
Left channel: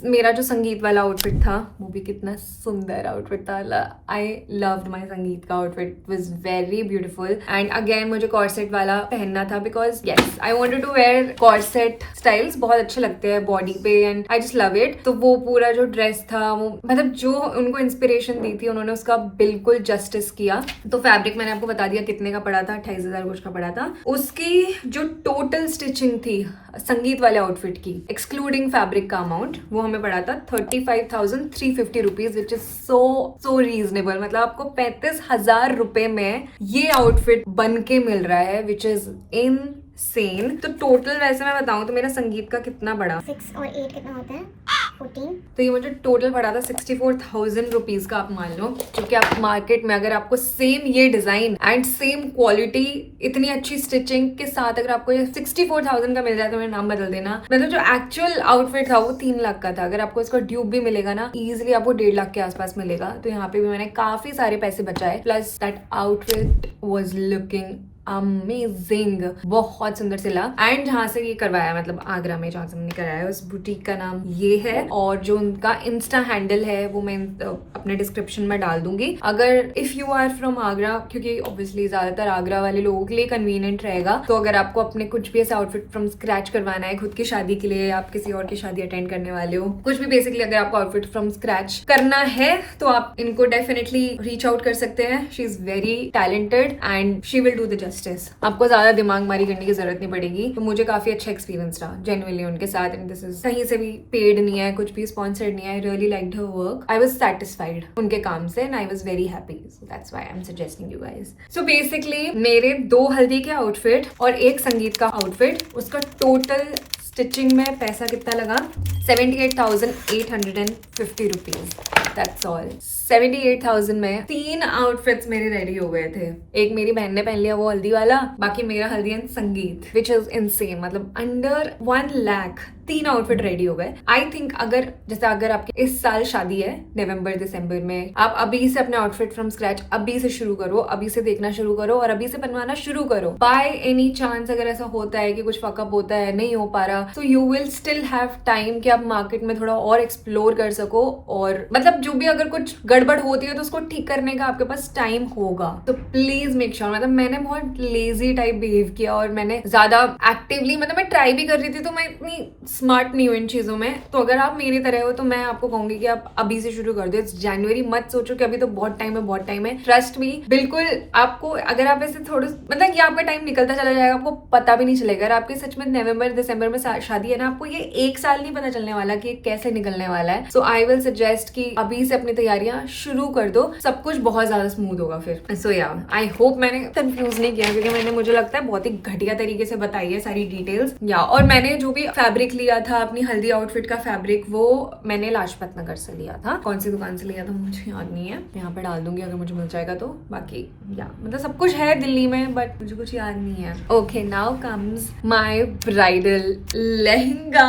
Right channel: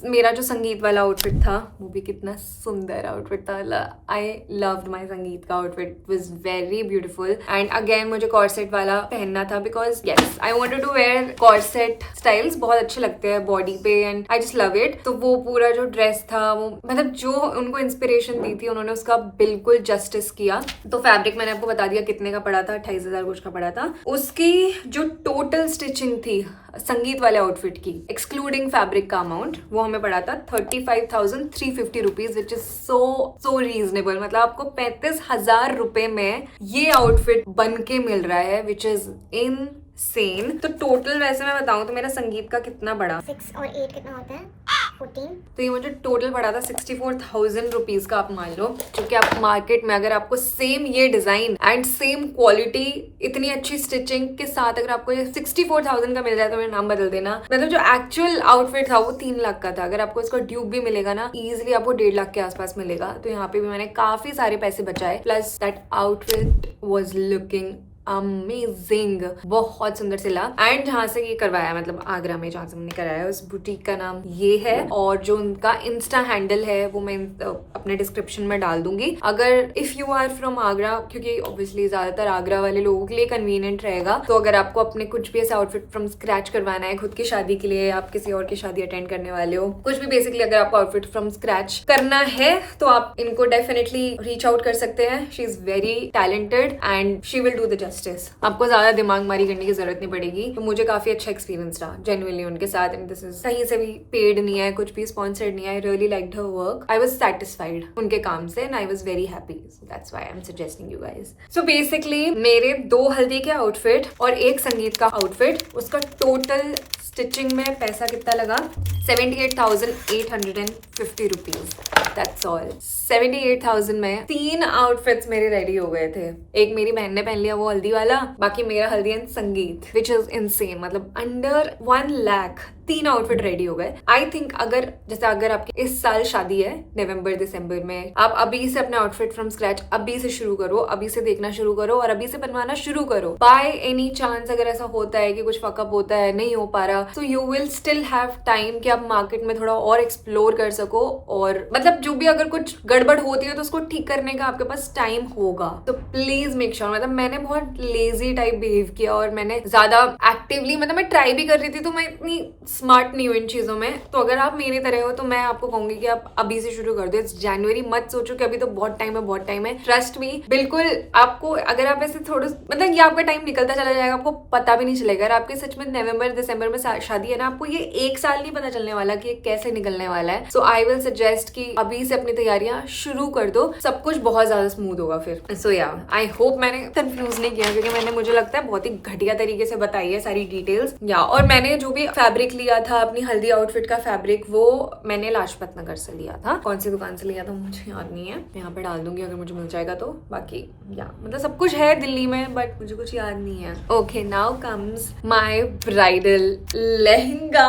मेरा जो संगीत वाला आउटफिट था, वो भी कितना सुंदर आउटफिट था। आई लव्ड माय संगीत का outfit, was very beautiful. And again मुझे कॉर्सेट वाला पहनना था, because yes I wanted to wear corset styles, बहुत अच्छे लगते हैं बॉडी पे and I just love it. तो वो पूरा जो ड्रेस था, वो मतलब जो उनको इंस्पिरेशन दी थी उन्होंने उसका बिल्कुल जस्टिस किया। तो फैब्रिक मैंने आपको बता दिया कितने का पड़ा था, 28,000 कुछ का पड़ा था। उसकी जो टोटल स्टिचिंग थी संगीत वाले आउटफिट की, एक्सक्लूडिंग फैब्रिक का अमाउंट, वो हमें पड़ा था 35,350 rupees, which is so reasonable. मतलब आपको 35,000 रुपए में ये आउटफिट बन के मिल रहा है, विच इज इनसेन। तो टोटल वैसे मैं बताऊं तो मेरा संगीत का कितना पड़ा, 6 और 8 कितना होता है, 14। तो ये मुझे टोटल पड़ा था 64,000 रुपीज का, आप मान लो। क्योंकि आप मार्केट में अगर आपको सेम ये डिजाइन एंड सेम क्वालिटी, इतनी अच्छी स्टिचिंग के साथ अगर आपको ये 64,000 का मिल जाए, तो मेरा नाम बदल देना। मतलब जो एक्चुअल आउटफिट था वो 3 लाख का था, अगर आपको इसका ड्यूब भी मिलेगा ना, इजिली आपको 1.5 लाख के आसपास मिलेगा। तो यहाँ पे भी मैंने काफी सारे पैसे बचाए, plus that outfit was looking amazing, बहुत सुंदर सिला। एंड जहाँ से ये करवाया, मतलब आगरा में जहाँ से हमने कराया, उस बुटीक का नाम ये है, और जो उनका इंस्टा हैंडल है वो मैं अपने डिस्क्रिप्शन में डाल दूंगी। अगर if you are from Agra, क्योंकि ऑब्वियसली ज्यादातर आगरा वाले लोगों के लिए कन्वीनियंट रहेगा, तो अगर आपको अपने कुछ भी ऐसा आउटफिट फ्रॉम स्क्रैच करवाना है खुद की शादी के लिए, आप किसी और की शादी अटेंड करने वाले हो, कुछ भी बेसिकली अगर आपको आउटफिट फ्रॉम स्क्रैच करना है, तो आप इनको डेफिनेटली रीच आउट कर सकते हैं। She is very talented and she will do the justice. आपको ज्यादा दिमाग मारी करने की जरूरत नहीं पड़ेगी। तो मुझे काफी अच्छा एक्सपीरियंस रहा जेन्युइनली उनके साथ। एंड दिस इज कहीं से भी पेड नहीं है, कुछ भी स्पॉन्सर्ड नहीं है। I really liked her work, I was satisfied उनके काम से and I was very happy. So that's why I am suggesting you guys. So basically मेरे 2 हल्दी के आउटफिट और 1 संगीत का आउटफिट, उसका टोटल स्टिचिंग में पैसा कितना लगा, 78,850 रुपीज। That's all. 78,000 में 3 आउटफिट्स मेरे रेडी हो गए थे। एक मेरी बहन ने पहन लिया वो हल्दी वाला, बाकी मेरा हल्दी एंड संगीत, विच इज इनसेन। मतलब अंडर 1 लाख 3 आउटफिट रेडी हो गए। आई थिंक अगर आपके इस साल शादी है नवंबर दिसंबर में, आप अभी से अपने आउटफिट फ्रॉम स्क्रैच अभी से शुरू करो, अभी से देखना शुरू करो और अभी से बनवाना शुरू करो। बाय एनी चांस अगर ऐसा होता है कि कुछ फकअप होता है, नहीं हो पा रहा, तो you will still have time कि आप मार्केट में थोड़ा और एक्सप्लोर कर सको, और मतलब जो भी अगर कुछ गड़बड़ होती है तो उसको ठीक करने का आपके पास टाइम होगा। तो प्लीज मेक श्योर, मतलब मैंने बहुत लेजी टाइप बिहेव किया और मैंने ज्यादा एक्टिवली, मतलब मैं ट्राई भी कर रही थी, तो मैं इतनी स्मार्ट नहीं हूँ इन चीजों में। तो अगर आप मेरी तरह हो तो मैं आपको कहूंगी कि आप अभी से शुरू कर दो। इट्स जनवरी, मत सोचो कि अभी तो बहुत टाइम है, बहुत टाइम है। ट्रस्ट मी, बिल्कुल आपको, अगर आप ऐसे थोड़ा, मतलब ये आपका टाइम निकलता चला जाएगा, आपको पता भी नहीं चलेगा। अगर आपके सच में नवंबर दिसंबर में शादी है ना, आपको ये 1 साल नहीं पता चलने वाला कि ये कैसे निकलने वाला है। सो आई विल सजेस्ट कि अभी से अपनी तैयारियां शुरू कर दो, सब कुछ बहुत ज्यादा स्मूथ होगा फिर। सो या आई होप मैंने कंफ्यूज नहीं किया, क्योंकि मैंने, मुझे लगता है, बहुत ही घटिया तरीके से बताई है सारी डिटेल्स। या और मैंने जो भी फैब्रिक लिया था अपनी हल्दी आउटफिट का फैब्रिक, वो मैंने लाजपत नगर से लिया था। कौन सी दुकान से लिया था मुझे याद नहीं है, यहाँ पे डाल दूंगी अगर मुझे मिल जाएगा तो। बाकी या मतलब सब कुछ है दिल्ली में, बट मुझे कुछ याद नहीं है। Okay, now comes my bridal lehenga.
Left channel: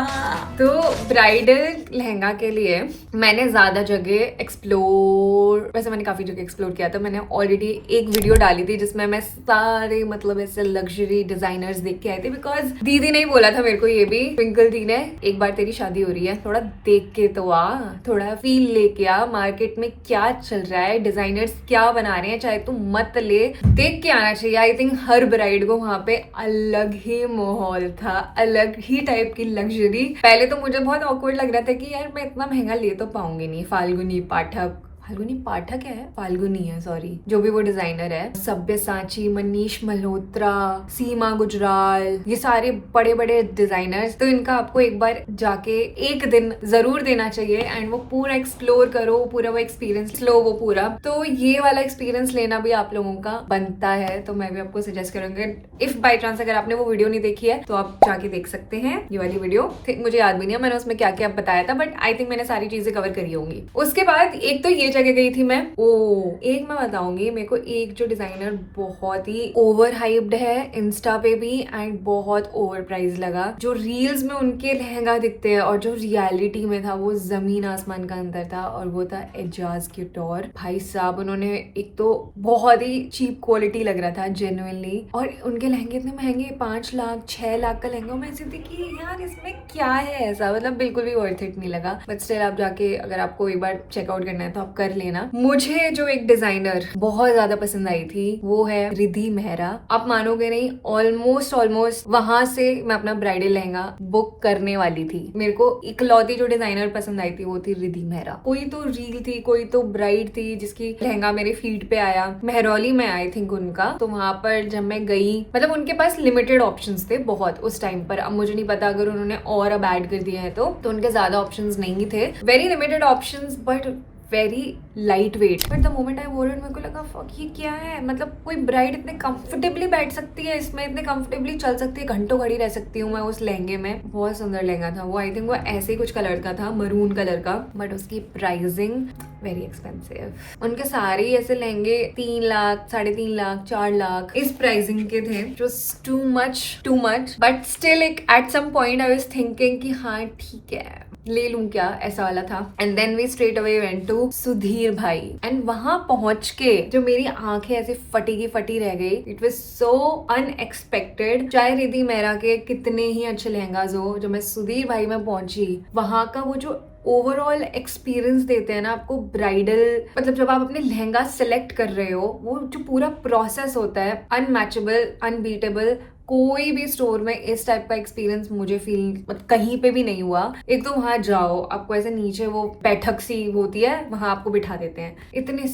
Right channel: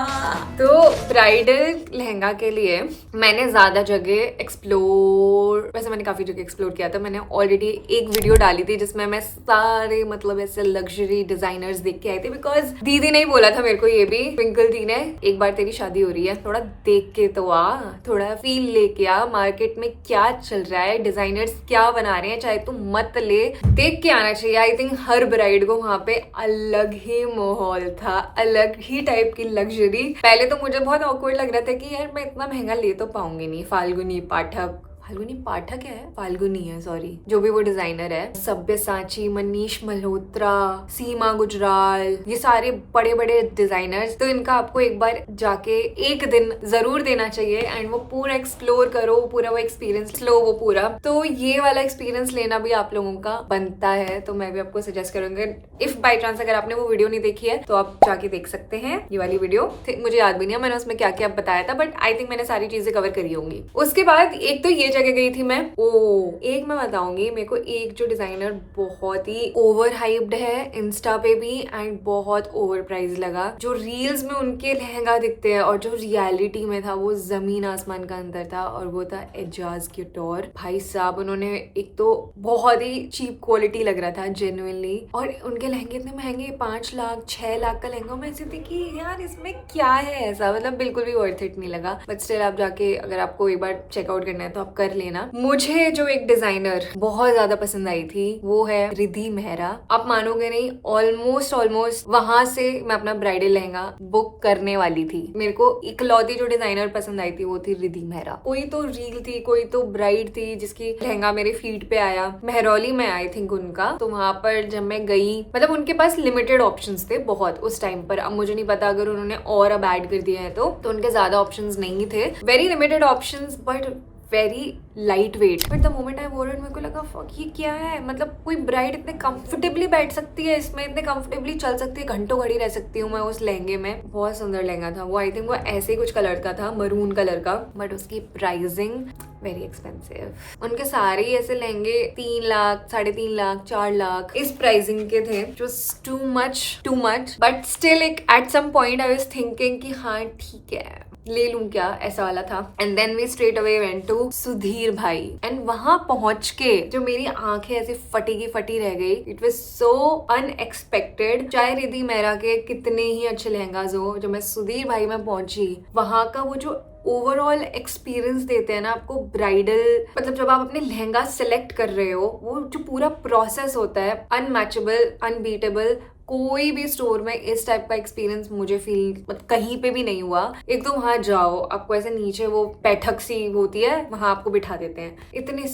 तो ब्राइडल लहंगा के लिए मैंने ज्यादा जगह एक्सप्लोर, वैसे मैंने काफी जगह एक्सप्लोर किया था। मैंने ऑलरेडी एक वीडियो डाली थी जिसमें मैं सारे मतलब ऐसे लग्जरी डिजाइनर्स देख के आई थी, बिकॉज दीदी ने ही बोला था मेरे को, ये भी ट्विंकल दी ने, एक बार तेरी शादी हो रही है, थोड़ा देख के तो आ, थोड़ा फील लेके आ, मार्केट में क्या चल रहा है, डिजाइनर्स क्या बना रहे हैं, चाहे तू मत ले, देख के आना चाहिए। आई थिंक हर ब्राइड को वहां पे अलग ही माहौल था, अलग ही टाइप की लग्जरी। पहले तो मुझे बहुत ऑकवर्ड लग रहा था कि यार मैं इतना महंगा ले तो पाऊंगी नहीं। फाल्गुनी पाठक है, फाल्गुनी है, सॉरी, जो भी वो डिजाइनर है, सब्यसाची, मनीष मल्होत्रा, सीमा गुजराल, ये सारे बड़े बड़े डिजाइनर्स। तो इनका आपको एक बार जाके एक दिन जरूर देना चाहिए एंड वो पूरा एक्सप्लोर करो, पूरा वो एक्सपीरियंस लो, वो पूरा। तो ये वाला एक्सपीरियंस लेना भी आप लोगों का बनता है, तो मैं भी आपको सजेस्ट करूंगी, इफ बाई चांस अगर आपने वो वीडियो नहीं देखी है तो आप जाके देख सकते हैं ये वाली वीडियो। मुझे याद भी नहीं है मैंने उसमें क्या क्या बताया था, बट आई थिंक मैंने सारी चीजें कवर करी होंगी। उसके बाद एक तो ये जगह गई थी मैं, एक मैं बताऊंगी, मेरे को एक जो डिजाइनर बहुत ही ओवर हाइप्ड है इंस्टा पे भी एंड बहुत ओवर प्राइस लगा। जो रील्स में उनके लहंगा दिखते हैं और जो रियलिटी में था वो जमीन आसमान का अंतर था, और वो था एजाज क्यूटोर। भाई साहब, उन्होंने एक तो बहुत ही चीप क्वालिटी लग रहा था जेन्युइनली, और उनके लहंगे इतने महंगे, 5 लाख 6 लाख का लहंगा। मैं ऐसी थी कि यार इसमें क्या है ऐसा, मतलब बिल्कुल भी वर्थ इट नहीं लगा। बट स्टिल आप जाके अगर आपको एक बार चेकआउट करना है तो आप कर लेना। मुझे जो एक डिजाइनर बहुत ज्यादा पसंद आई थी वो है रिद्धि मेहरा। आप मानोगे नहीं, ऑलमोस्ट वहां से मैं अपना ब्राइडल लहंगा बुक करने वाली थी। मेरे को इकलौती जो डिजाइनर पसंद आई थी वो थी रिद्धि मेहरा। कोई तो रील थी, कोई तो ब्राइड थी जिसकी लहंगा मेरे फीड पे आया, मेहरौली में आई थिंक उनका। तो वहां पर जब मैं गई, मतलब उनके पास लिमिटेड ऑप्शंस थे बहुत उस टाइम पर। अब मुझे नहीं पता अगर उन्होंने और अब ऐड कर दिया है तो उनके ज्यादा ऑप्शंस नहीं थे, very limited options, but very light weight. But the moment I वोर इट, मेरे को लगा फक ये क्या है, मतलब कोई ब्राइड इतने कंफर्टेबली बैठ सकती है इसमें, इतने कंफर्टेबली चल सकती है, घंटों घड़ी रह सकती हूँ मैं उस लहंगे में। बहुत सुंदर लहंगा था वो। आई थिंक वो ऐसे ही कुछ कलर का था, मरून कलर का, बट उसकी प्राइसिंग वेरी एक्सपेंसिव। उनके सारे ऐसे लहंगे 3 लाख 3.5 लाख 4 लाख इस प्राइसिंग के थे, जो too much. But still at some point I was thinking कि हाँ ठीक है, ले लूं क्या, ऐसा वाला था। And then we straight away went to Sudhir भाई, एंड वहां पहुंच के जो मेरी आंखें ऐसे फटी की फटी रह गई। It was so unexpected. चाहे रिद्धि मेहरा के कितने ही अच्छे लहंगाज हो, जो मैं सुधीर भाई में पहुंची, वहां का वो जो ओवरऑल एक्सपीरियंस देते हैं ना आपको ब्राइडल, मतलब जब आप अपने लहंगा सेलेक्ट कर रहे हो, वो जो पूरा प्रोसेस होता है, अनमैचेबल, अनबीटेबल। कोई भी स्टोर में इस टाइप का एक्सपीरियंस मुझे फील मतलब कहीं पे भी नहीं हुआ। एक तो वहां जाओ, आपको ऐसे नीचे वो बैठक सी होती है, वहां आपको बिठा देते हैं, इतने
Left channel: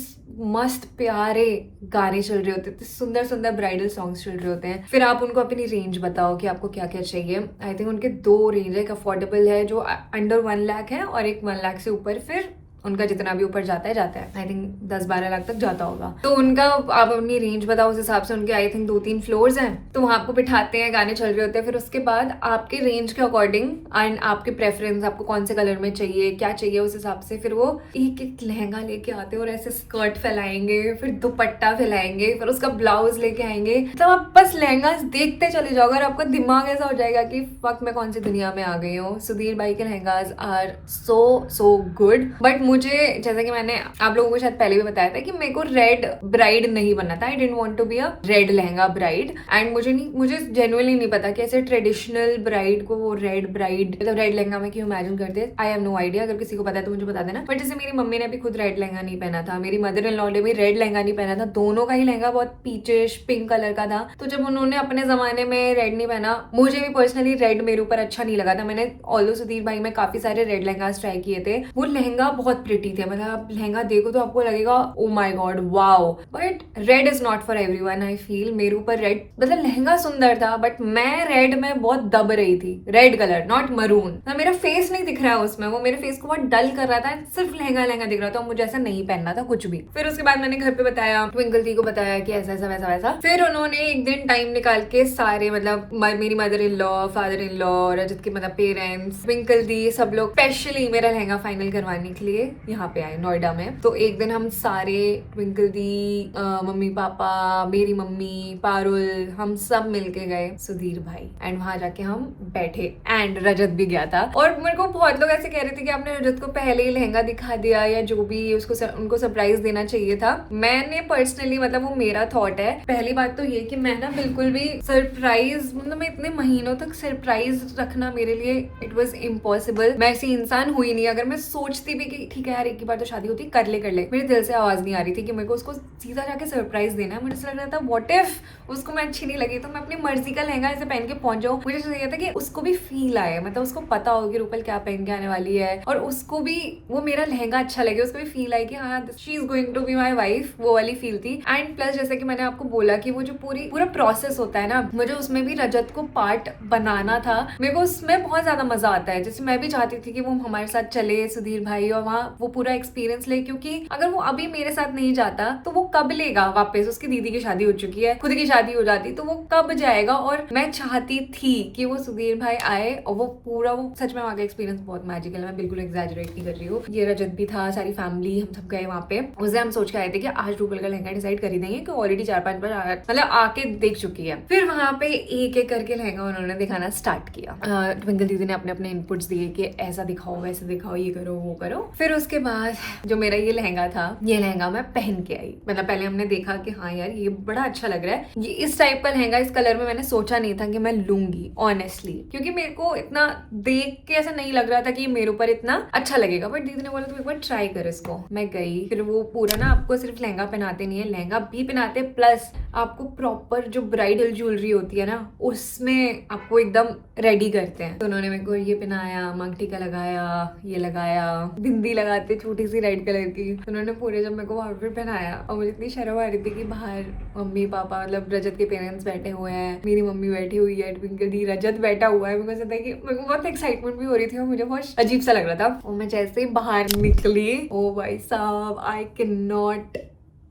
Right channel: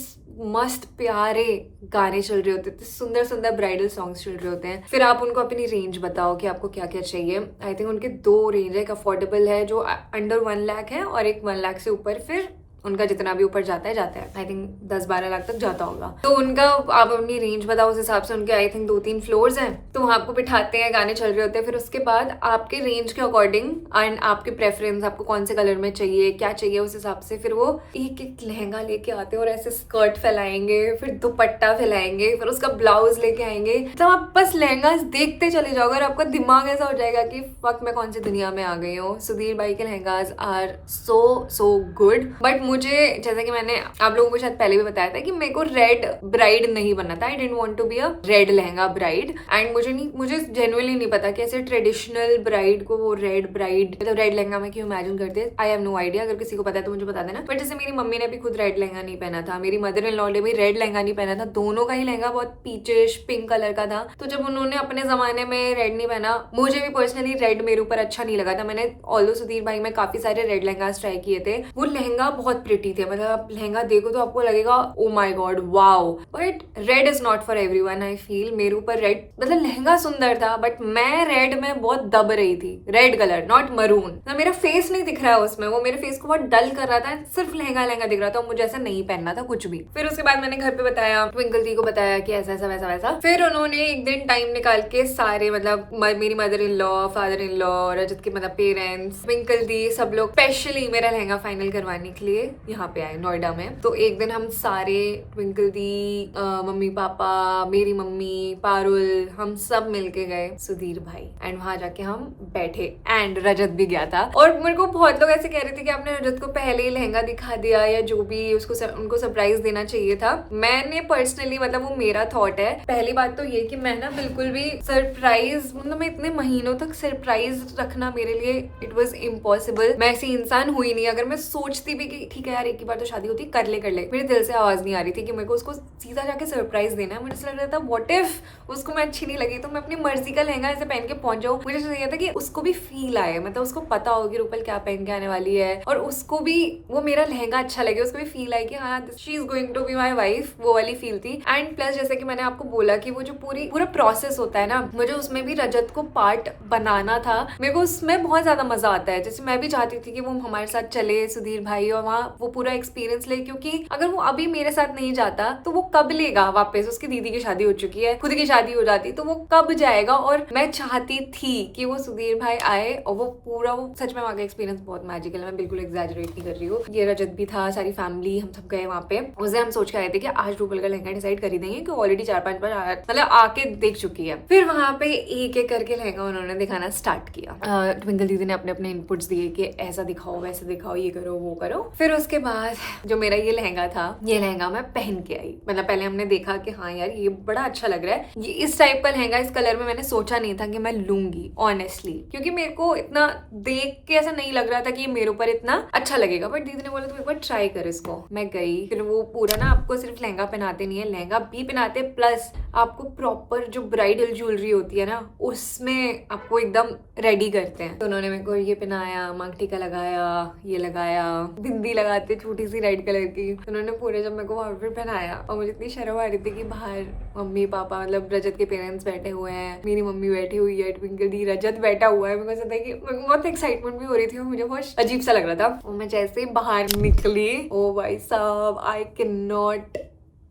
मस्त प्यारे गाने चल रहे होते हैं, सुंदर सुंदर ब्राइडल सॉन्ग्स चल रहे होते हैं। फिर आप उनको अपनी रेंज बताओ कि आपको क्या क्या चाहिए। आई थिंक उनके 2 रेंज है, एक अफोर्डेबल है जो अंडर 1 लाख है, और एक 1 लाख से ऊपर फिर उनका जितना भी ऊपर जाता है आई थिंक 10-12 लाख तक जाता होगा। तो उनका आप अपनी रेंज बताओ, उस हिसाब से उनके आई थिंक 2-3 फ्लोर्स हैं। तो वहां आपको बिठाते हैं, गाने चल रहे होते हैं, फिर उसके बाद आपके रेंज के अकॉर्डिंग एंड आपके प्रेफरेंस, आपको कौन से कलर में चाहिए, क्या चाहिए, उस हिसाब से फिर वो एक एक लहंगा लेके आते हैं और ऐसे स्कर्ट फैलाएंगे, फिर दुपट्टा फैलाएंगे, फिर उसका ब्लाउज लेके आएंगे। तो आप बस लहंगा देखते चले जाओगे और आपका दिमाग ऐसा हो जाएगा कि फक मैं कौन सी दुनिया में आ गई हूँ। सुधीर भाई के lehengas are so good. But मुझे, जैसा कि मैंने आप लोगों को शायद पहले भी बताया था कि मेरे को रेड ब्राइड नहीं बनना था। I didn't want to be a red lehenga bride. And मुझे जेन्युइनली नहीं पता कि ऐसे ट्रेडिशनल ब्राइड को वो रेड ब्राइड मतलब रेड लहंगा में क्यों इमेजिन करते हैं। आई हैव नो आइडिया, अगर किसी को पता है तो मुझे बता देना। बट जैसे मेरी मम्मी ने भी खुद रेड लहंगा नहीं पहना था, मेरी मदर इन लॉ ने भी रेड लहंगा नहीं पहना था, दोनों का ही लहंगा बहुत पीचिश पिंक कलर का था। तो जब उन्होंने अपने जमाने में रेड नहीं पहना, मुझे भी पर्सनली रेड मेरे ऊपर अच्छा नहीं लगा था। मैंने ऑल्दो सुधीर भाई में काफी सारे रेड लहंगा ट्राई किए थे, वो लहंगा बहुत प्रिटी थे, मतलब आप लहंगा देखो तो आपको लगेगा oh my God wow. But red is not for everyone I feel. मेरे ऊपर रेड मतलब लहंगा सुंदर था बट मैं रेड में बहुत दब रही थी। रेड कलर नॉट मरून, ना मेरा फेस नहीं दिख रहा है उसमें, वो मेरे फेस को बहुत डल कर रहा था, सिर्फ लहंगा दिख रहा था। मुझे ऐसा नहीं पहनना था कुछ भी। फिर उसके बाद मैंने घर पे बताया, ट्विंकल दी को बताया कि ऐसा ऐसा वैसा वैसा। फिर उन्होंने एक दिन टाइम निकाल के सारे मतलब मेरी mother in law, father in law, Rajat के मतलब पेरेंट्स, ट्विंकल दी, सब लोग स्पेशली मेरा लहंगा फाइनल करवाने के लिए यहाँ पे आए नोएडा में। तो एक दिन हम सारे ट्विंकल दी, मम्मी पापा, मेरी मम्मी, पारुल, हम सब मिलके गए सुधीर भाई। एंड वहां जाके हम बैठे एंड रजत भी गया था। और मेरे को बहुत लोग ऐसे कह रहे थे कि आपने रजत को पहले ही लहंगा दिखा दिया या जो भी उनको सरप्राइज देना चाहिए था। मैंने पर्सनली मतलब वो मेरा थॉट है। पहली बात तो ये कि मैं ना बिल्कुल भी सरप्राइज मतलब मैं इतने महीनों तक सरप्राइज रखना मेरे लिए इट वॉज इम्पॉसिबल। मैं ऐसी इंसान हुई नहीं। अगर मैं सोचती भी कि ठीक है यार एक ही बार तो शादी होती, कर ले मेरे दिल से आवाज नहीं आ रही थी कि मेरे को उसको सीधा जाके सरप्राइज देना है। मुझे ऐसा लग रहा था व्हाट इफ उसको मैं अच्छी नहीं लगी तो मैं अपनी मर्जी का लहंगा ऐसे पहन के पहुंच जाऊँ। मुझे ऐसा लगा था कि उसको भी फील आए, मतलब उसको पता हो कि रूपल क्या पहन के आने वाली है और उसको भी वो मेरा लहंगा अच्छा लगे, उसको भी फील आए कि हाँ she is going to be my wife, वो वाली फील थी। एंड प्लस जैसे कि मैंने आपको बोला कि वो जो पूरा प्रोसेस होता है ना, मुझे उसमें भी रजत को पार्ट बनाना था। मेरे को उसमें बहुत ज्यादा मजा आता है। जैसे मैं भी चाहती थी कि वो हमारे साथ चले सुधीर भाई और वहाँ वो पूरा एक्सपीरियंस ले, क्योंकि अगर वो अभी मेरे साथ नहीं जाता तो वो कब लेगा वापस। उसकी दीदी की शादी हो चुकी है, खुद की शादी हो जाती तो वो कब जाएगा। और मैं चाहती थी कि वो सुधीर भाई आए और वो पूरा वो सच में वहाँ का एक्सपीरियंस बहुत मैजिकल है। मैं बिल्कुल एग्जैजरेट नहीं कर रही हूँ। ये रजत भी था, सारी फैमिली, हम सब गए वहाँ पे। उसे हम सोच के आए थे कि आज रूपल का लहंगा डिसाइड कर ही देंगे कि ऑलरेडी 4-5 बार मतलब आके देख चुकी है। फिर वहाँ पे एक एक करके लहंगा उन्होंने दिखाना स्टार्ट किया। ट्विंकल दीदी ने अपने अपने इनपुट्स दिए कि ऐसा दिखाओ, वैसे दिखाओ, ये करो, वो करो। फिर उसके बाद जो मेरा ये लहंगा था, ये लहंगा मैं पहन के आई। मतलब पहले हमने देखा कि हाँ यार ये बड़ा अच्छा लग रहा है। ये इस टाइप का लहंगा इस कलर में मैंने सोचा नहीं था कि मैं लूंगी ऑनेस्टली, क्योंकि मेरे को इतना देख के ऐसा नहीं लग रहा था कि ये मेरे ऊपर इतना अच्छा लगेगा। बट दीदी ने बोला तो एक बार ट्राई कर इसको। मैं गई, फिर वो पूरा ना आपको सिर्फ लहंगा पहनाते नहीं है, लहंगा भी पहनाते प्लस आपको प्रॉपर जो ब्राइडल ज्वेलरी होती है ना उसमें आपको एकदम रेडी करते हैं। तो उन्होंने मेरे को ये पहनाया, मांग टीका लगाया, ये लगाया, बिंदी लगाते छोटी सी रेड कलर की। तो उन्होंने पूरे जब मेरे को आउटफिट पहनाया और मुझे इतनी शर्म आ रही थी कि बाहर मम्मी पापा मतलब रजत के पेरेंट्स बैठे हुए हैं, मेरी मम्मी बैठी हुई है, ट्विंकल दी, रजत बैठा हुआ है। मेरे को कि मेरे को बहुत एक्साइटमेंट भी हो रही थी और मुझे बहुत अजीब सा लग रहा था। और मैं जैसे ही बाहर निकली, ओ भाई साहब, आई कैन नॉट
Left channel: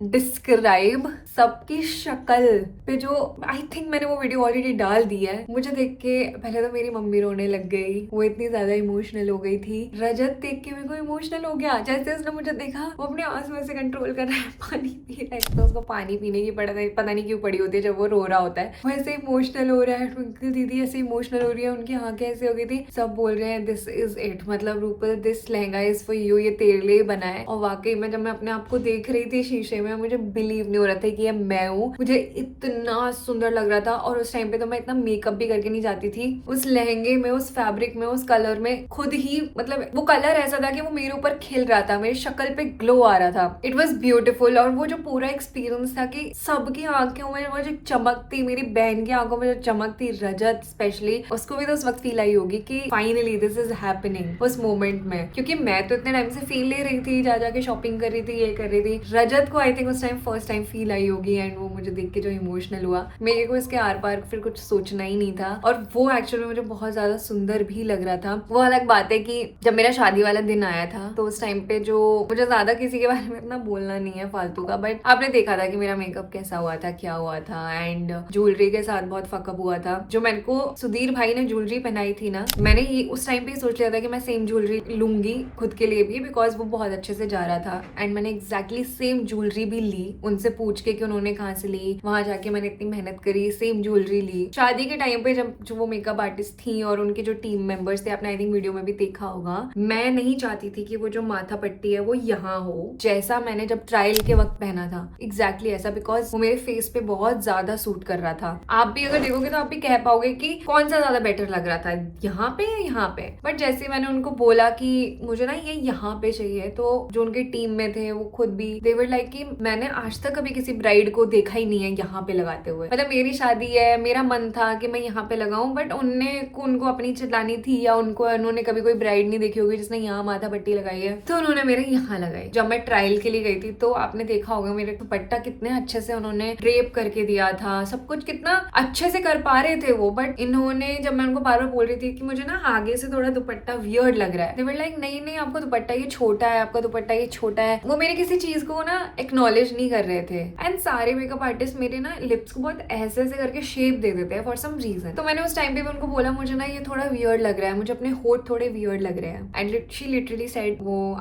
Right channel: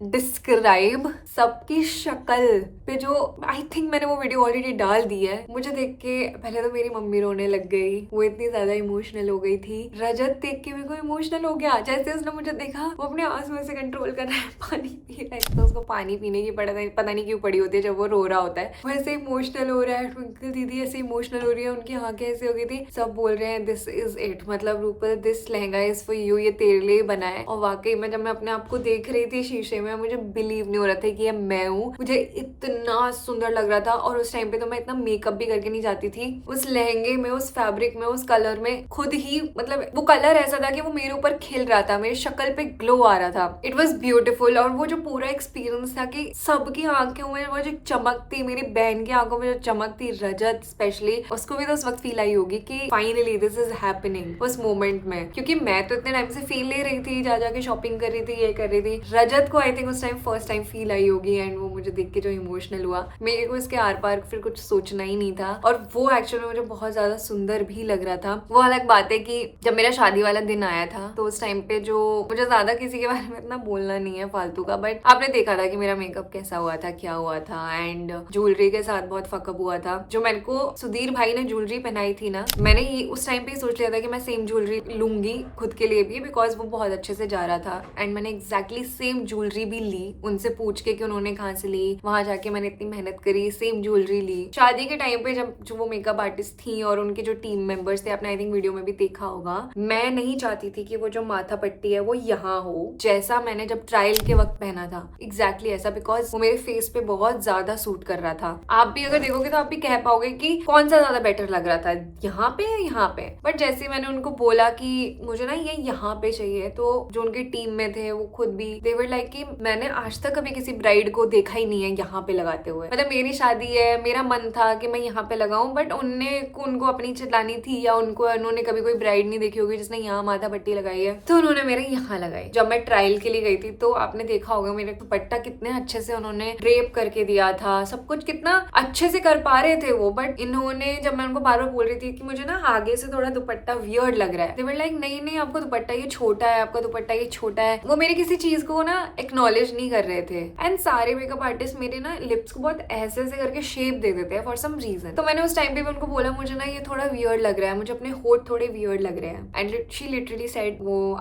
डिस्क्राइब सबकी शक्ल पे जो आई थिंक मैंने वो वीडियो ऑलरेडी डाल दी है। मुझे देख के पहले तो मेरी मम्मी रोने लग गई, वो इतनी ज्यादा इमोशनल हो गई थी। रजत देख के मेरे को इमोशनल हो गया। जैसे उसने मुझे देखा वो अपने आंसू ऐसे कंट्रोल कर रहा है, पानी पी रहा है, तो उसको पानी पीने की पता नहीं क्यों पड़ी होती है जब वो रो रहा होता है। वैसे इमोशनल हो रहा है। ट्विंकल दीदी ऐसे इमोशनल हो रही है, उनकी आंखें ऐसे हो गई थी। सब बोल रहे हैं दिस इज इट, मतलब Rupal this lehenga is for you, ये तेरे लिए बना है। और वाकई में जब मैं अपने आप को देख रही थी शीशे में, मुझे बिलीव नहीं हो रहा था कि ये मैं हूँ। मुझे इतना सुंदर लग रहा था। और उस टाइम पे तो मैं इतना मेकअप भी करके नहीं जाती थी। उस लहंगे में, उस फैब्रिक में, उस कलर में खुद ही मतलब वो कलर ऐसा था कि वो मेरे ऊपर खिल रहा था, मेरी शक्ल पे ग्लो आ रहा था। It was beautiful. और वो जो पूरा एक्सपीरियंस था कि सबकी आंखों में वो जो चमक थी, मेरी बहन की आंखों में जो चमक थी, रजत स्पेशली, उसको भी तो उस वक्त फील आई होगी कि फाइनली दिस इज हैपनिंग उस मोमेंट में। क्योंकि मैं तो इतने टाइम से फील ले रही थी, जा जाके शॉपिंग कर रही थी, ये कर रही थी। रजत को आई आई थिंक उस time first time feel I होगी एंड वो मुझे देख के जो इमोशनल हुआ, मेरे को इसके आर पार फिर कुछ सोचना ही नहीं था। और वो एक्चुअली मुझे बहुत ज्यादा सुंदर भी लग रहा था। वो अलग बात है कि जब मेरा शादी वाला दिन आया था तो उस टाइम पे जो मुझे ज्यादा किसी के बारे में इतना बोलना नहीं है फालतू का, बट आपने देखा था कि मेरा मेकअप कैसा हुआ था, क्या हुआ था, एंड ज्वेलरी के साथ बहुत फकअप हुआ था। जो मेरे को सुधीर भाई ने ज्वेलरी पहनाई थी ना, मैंने ही उस टाइम पे सोच लिया था कि मैं सेम ज्वेलरी लूंगी खुद के लिए भी, बिकॉज वो बहुत अच्छे से जा रहा था। एंड मैंने एग्जैक्टली सेम ज्वेलरी भी ली, उनसे पूछ के कि उन्होंने कहाँ से ली, वहां जाके मैंने इतनी मेहनत करी, सेम ज्वेलरी ली। शादी के टाइम पे जब जो वो मेकअप आर्टिस्ट थी और उनके जो टीम मेंबर्स थे, आपने आई थिंक वीडियो में भी देखा होगा, मैं नहीं चाहती थी कि वो जो माथा पट्टी है वो यहाँ हो, जैसा मैंने जब ट्रायल के वक्त पहना था, एग्जैक्टली ऐसा, बिकॉज वो मेरे फेस पे बहुत ज्यादा सूट कर रहा था। आप भी अगर देखोगे तो आप भी कह पाओगे कि कौन सा ज्यादा बेटर लग रहा था, यहाँ पे या यहाँ पे। बट जैसे मैंने उनको बोला कि मुझे ना ये यहाँ पे चाहिए, तो जो उनकी टीम में थे वो खुद भी दे वर लाइक कि मैंने आज तक कभी किसी ब्राइड को देखा ही नहीं है यहाँ पे लगाते हुए। मतलब मेरी शादी है, मेरा मन था कि मैं यहाँ पे लगाऊं, बट उनको अपनी चिल्लानी थी या उन्होंने कभी कोई ब्राइड नहीं देखी होगी जिसने यहाँ माथा पट्टी लगाई है, तो उन्होंने मेरे यहाँ लगाई। जब मैं ट्रायल के लिए गई थी तो आपने देखा होगा मेरे दुपट्टा कितने अच्छे से उन्होंने ड्रेप करके दिया था, सब कुछ कितना अच्छे से कर पा रहे थे वो। बट इन्होंने, जब मैं उनको बार बार बोल रही थी कि मुझे ना आगे से थोड़ा दुपट्टा वियर्ड लग रहा है, they were like नहीं आपका दुपट्टा ये छोटा है, आपका दुपट्टा ये छोटा है। वो मेरे किसी चीज को ना एक्नॉलेज नहीं कर रहे थे। एंड सारे मेकअप आर्टिस्ट मेरे ना लिप्स को बहुत ऐसे ऐसे करके शेप दे देते हैं फॉर सम रीजन। तो मैंने उस टाइम पे भी उनको बोला मुझे ना ये थोड़ा वियर्ड लग रहा है, मुझे अपने होठ थोड़े वियर्ड लग रहे हैं। एंड शी लिटरली सेड, वो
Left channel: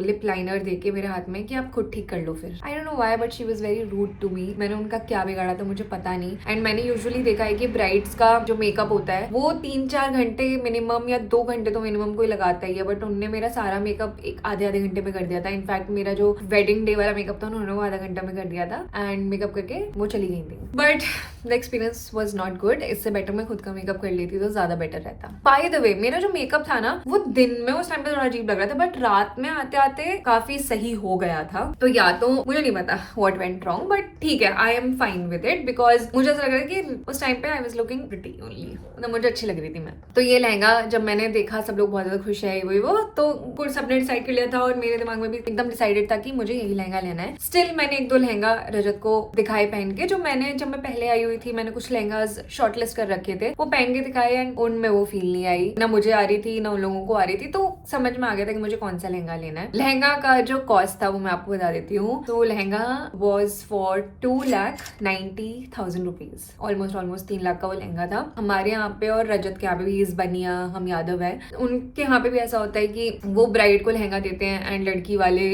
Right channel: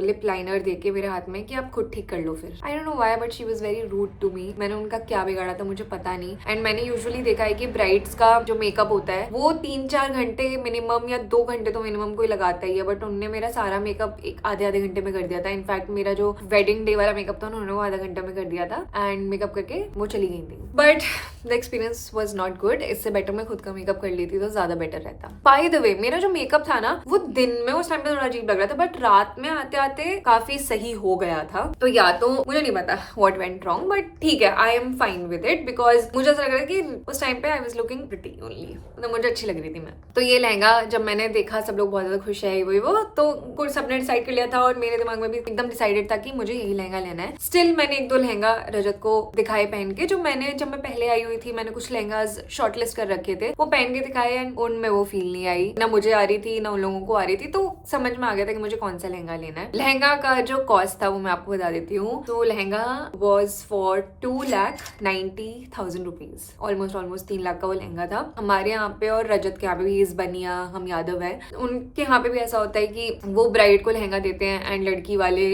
लिप लाइनर देके मेरे हाथ में कि आप खुद ठीक कर लो फिर। I don't know why but she was very rude to me. मैंने उनका क्या बिगाड़ा था मुझे पता नहीं। एंड मैंने यूजुअली देखा है कि ब्राइड्स का जो मेकअप होता है वो 3-4 घंटे मिनिमम या 2 घंटे तो मिनिमम कोई लगाता ही है, बट उनने मेरा सारा मेकअप एक आधे घंटे में कर दिया था। इनफैक्ट मेरा जो वेडिंग डे वाला मेकअप था उन्होंने वो आधा घंटा में कर दिया था एंड मेकअप करके वो चली गई थी। But the experience was not good. इससे बेटर मैं खुद का मेकअप कर लेती तो ज्यादा बेटर रहता। बाय द वे, मेरा जो मेकअप था ना वो दिन में उस टाइम पे थोड़ा अजीब लग रहा था, बट रात में आते आते काफी सही हो गया था। तो या तो मुझे नहीं पता व्हाट वेंट रॉन्ग, बट ठीक है, I am fine with it, because मुझे ऐसा लग रहा है कि उस टाइम पे I was looking pretty only, मतलब मुझे अच्छी लग रही थी मैं। तो ये लहंगा जब मैंने देखा सब लोग बहुत ज्यादा खुश है वो तो कुछ सबने डिसाइड कर लिया था और मेरे दिमाग में भी एकदम डिसाइडेड था कि मुझे यही लहंगा लेना है। स्टिल मैंने 1-2 लहंगा रजत को दिखाए पहन के, जब मैं पहले आई हुई थी मैंने कुछ लहंगास शॉर्टलिस्ट कर रखे थे, वो पहन के दिखाए एंड उनमें वो फील नहीं आई, ना मुझे आ रही थी ना उन लोगों को आ रही थी। तो समझ में आ गया था कि मुझे कौन सा लहंगा लेना है। लहंगा का जो कॉस्ट था वो मैं आपको बता देती हूँ। तो lehenga was for 2,90,000 rupees, almost 3 lakh का वो लहंगा था हमारे यहाँ पे। और रजत के यहाँ पे भी, इस बनिया हम यादव है, उनके यहाँ पे भी ऐसा होता है कि वो ब्राइड को लहंगा देते हैं एंड लड़की वाले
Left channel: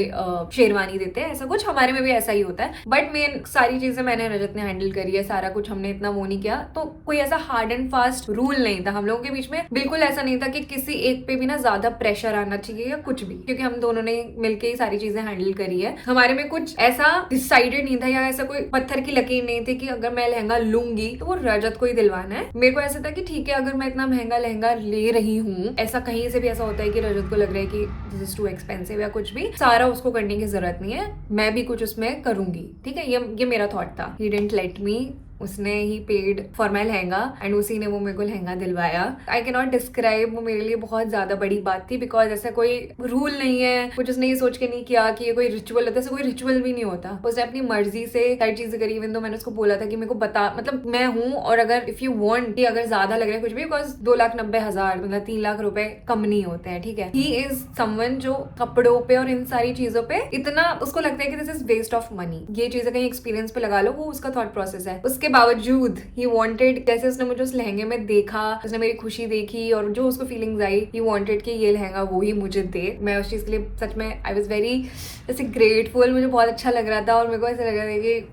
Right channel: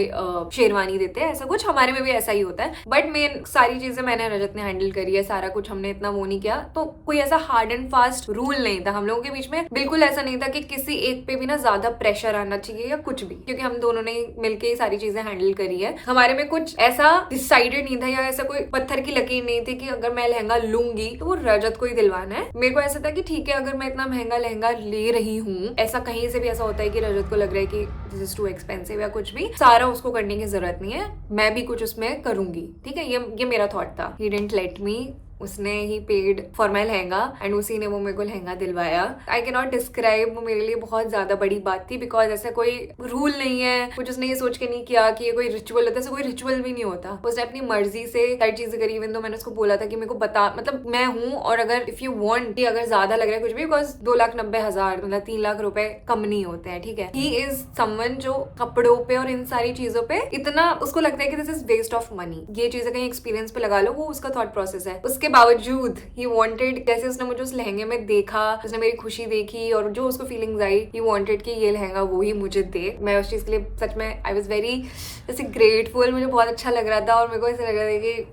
शेरवानी देते हैं, ऐसा कुछ हमारे में भी ऐसा ही होता है। बट मेन सारी चीजें मैंने रजत ने हैंडल करी है, सारा कुछ हमने इतना वो नहीं किया। तो कोई ऐसा हार्ड एंड फास्ट रूल नहीं था हम लोगों के बीच में, बिल्कुल ऐसा नहीं था कि किसी एक पे भी ना ज्यादा प्रेशर आना चाहिए या कुछ भी, क्योंकि हम दोनों ने मिलके ही सारी चीजें हैंडल करी है। हमारे में कुछ ऐसा डिसाइडेड नहीं था या ऐसा कोई पत्थर की लकीर नहीं थी कि अगर मैं लहंगा लूंगी तो वो रजत को ही दिलवाना है। मेरे को ऐसा था कि ठीक है, अगर मैं इतना महंगा लहंगा ले रही हूँ, ऐसा कहीं से भी ऐसा होता है कि रजत को लग रहा है कि दिस इज टू एक्सपेंसिव या कुछ भी, सारा उसको करने की जरूरत नहीं है, मैं भी कुछ उसमें करूंगी। ठीक है, ये मेरा थॉट था। ही डिडंट लेट मी, उसने ही paid for my lehenga and उसी ने वो मेरे को लहंगा दिलवाया। आई कैन नॉट डिस्क्राइब, वो मेरे लिए बहुत ज्यादा बड़ी बात थी, बिकॉज ऐसा कोई रूल नहीं है, कुछ उसने ये सोच के नहीं किया कि ये कोई रिचुअल होता है, ऐसा कोई रिचुअल भी नहीं होता। उसने अपनी मर्जी से सारी चीजें करी। इवन तो मैंने उसको बोला था कि मेरे को बता, मतलब मैं हूँ और अगर इफ यू वांट, अगर ज्यादा लग रहा है कुछ भी, बिकॉज 2,90,000 मतलब 3 लाख रुपए कम नहीं होते हैं। ठीक है, ही इज समवन जो कपड़ों पे और इन सारी चीजों पे इतना उसको लगता है कि this is waste of money, ये चीजें कहीं एक्सपीरियंस पे लगा लो, वो उसका थॉट प्रोसेस है। उसके बावजूद ही वांटेड, जैसे उसने मुझे उस लहंगे में देखा, उसने मेरी खुशी देखी और जो उसको फीलिंग्स आई, ही वांटेड कि ये लहंगा वो ही मुझे दे। मैं उस चीज के लिए सच में आई वाज वेरी जैसे ग्रेटफुल, मुझे बहुत अच्छा लग रहा था और मेरे को ऐसा लग रहा था कि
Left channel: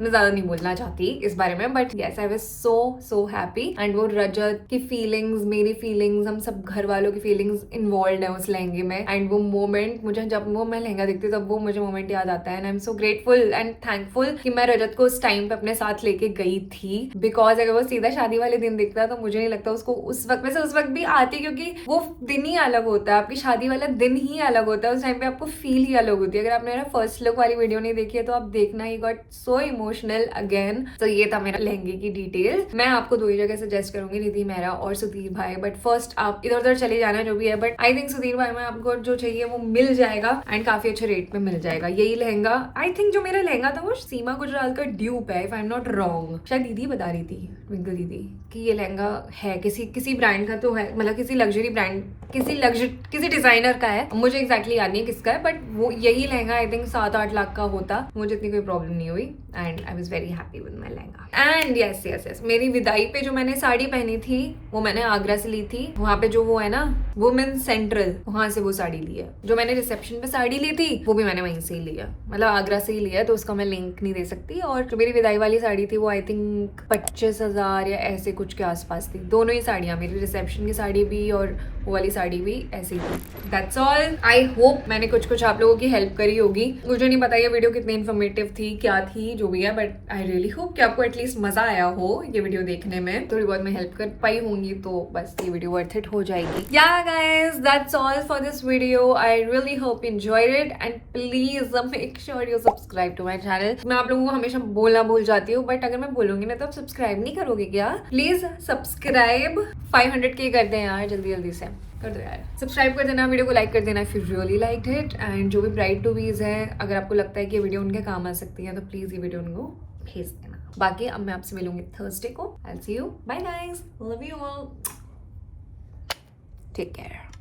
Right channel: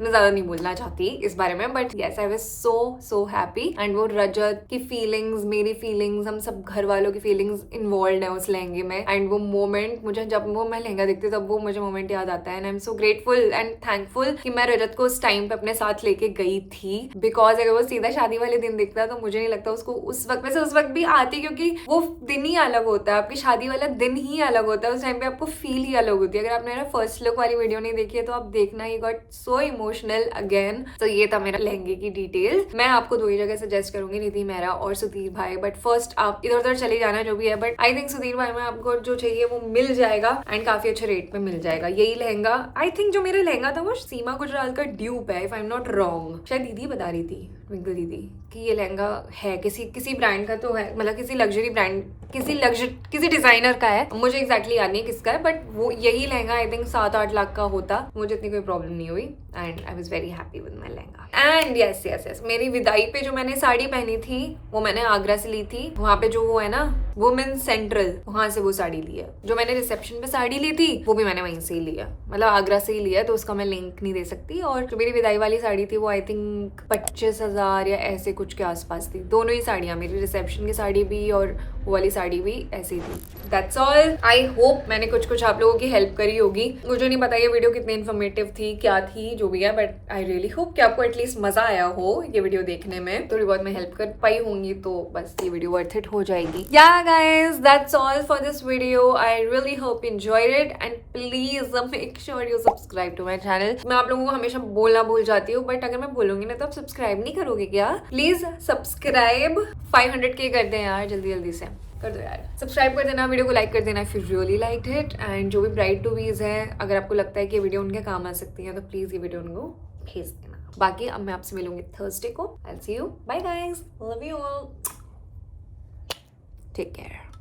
मैं ज्यादा नहीं बोलना चाहती इस बारे में, but yes I was so happy. And वो रजत की फीलिंग्स, मेरी फीलिंग्स, हम सब घर वालों की फीलिंग्स इन्वॉल्व है उस लहंगे में। एंड वो मोमेंट मुझे, जब वो मैं लहंगा देखती हूँ तब वो मुझे मोमेंट याद आता है। And I am so grateful and thankful कि मैं रजत को उस टाइम पे अपने साथ लेके गई थी, बिकॉज अगर वो सीधा शादी वाले दिन दिखता तो मुझे नहीं लगता उसको उस वक्त, वैसे उस वक्त भी आती, क्योंकि वो दिन ही अलग होता है, आपकी शादी वाला दिन ही अलग होता है, उस टाइम पे आपको फील ही अलग होती है। अगर आपने मेरा फर्स्ट लुक वाली वीडियो नहीं देखी है तो आप देखना, he got so emotional again. तो ये था मेरा लहंगे की डिटेल। मैं आपको दो ही जगह सजेस्ट करूंगी, निधि मेहरा और सुधीर भाई, बट फर्स्ट आप इधर उधर चले जाना जो भी है, बट आई थिंक सुधीर भाई में आपको जो चाहिए वो मिल जाएगा एंड काफी अच्छे रेट पे मिल जाएगा। यही लहंगा, आई थिंक जो मेरा लहंगा था वो सीमा गुजराल का ड्यूप है, if I am not wrong. शायद दीदी बता रही थी, ट्विंकल दीदी, कि ये लहंगा है किसी ब्रांड का तो है, मतलब किसी लग्जरी ब्रांड, किसी डिजाइनर का है। मुझे एग्जैक्टली याद नहीं है किसका है, बट वो यही लहंगा आई थिंक 7-8 लाख का होता। मुझे इतनी कोई प्रॉब्लम नहीं हुई and I was very happy with my lehenga. And yes मेरी विदाई पे जो मैंने साड़ी पहनी थी वो मैंने आगरा से ली थी। वहां पे जो वो है ना वुमेन सेंट्रल, वहां से वो साड़ी ली है। जो मैंने रिसेप्शन पे साड़ी ली थी वो भी मैंने वहीं से ही लिया, मतलब आगरा से ही लिया, तो उसका मैं लिंक नहीं दे सकती। और जो मेरी विदाई वाली साड़ी थी वो आई थिंक 25,000 या ऐसे कुछ के आसपास थी। दोनों ही साड़ियां, मेरी रिसेप्शन की साड़ी भी और वो वाली साड़ी भी ऐसी थी। That's all. आई होप मैंने कुछ आप लोगों की हेल्प करी होगी। मुझे नहीं पता ये वीडियो कितनी इन्फॉर्मेटिव थी, क्या थी, जो भी है, बट आई रियली होप कि आपको एटलीस्ट मजा आया हो ये वीडियो देखने में। थोड़ी बहुत मैं हेल्प कर पाई होंगी तो बस ये वीडियो वर्थ इट हो जाएगी। Yeah guys, that's all for this video. I really hope you enjoyed it and please make sure you subscribe to my channel. मैं आप लोगों को हमेशा बोलना भूल जाती हूँ, बट अगर मैं बोलूंगी ना तो आप सब्सक्राइब नहीं करोगे क्या? प्लीज सब्सक्राइब 500K कर दें यार, जल्दी से कर दो यार। सब्सक्राइब कर देना, वीडियो को लाइक कर देना if you really liked it. And जो भी ब्राइड टू बीज है, अगर आपको लगता है कि ये वीडियो उनके काम आ सकती है तो प्लीज ये वीडियो उनको भेज देना। बाकी अब मैं आपसे मिलूंगी थर्सडे को। I will see you, bye guys, love you all, take care.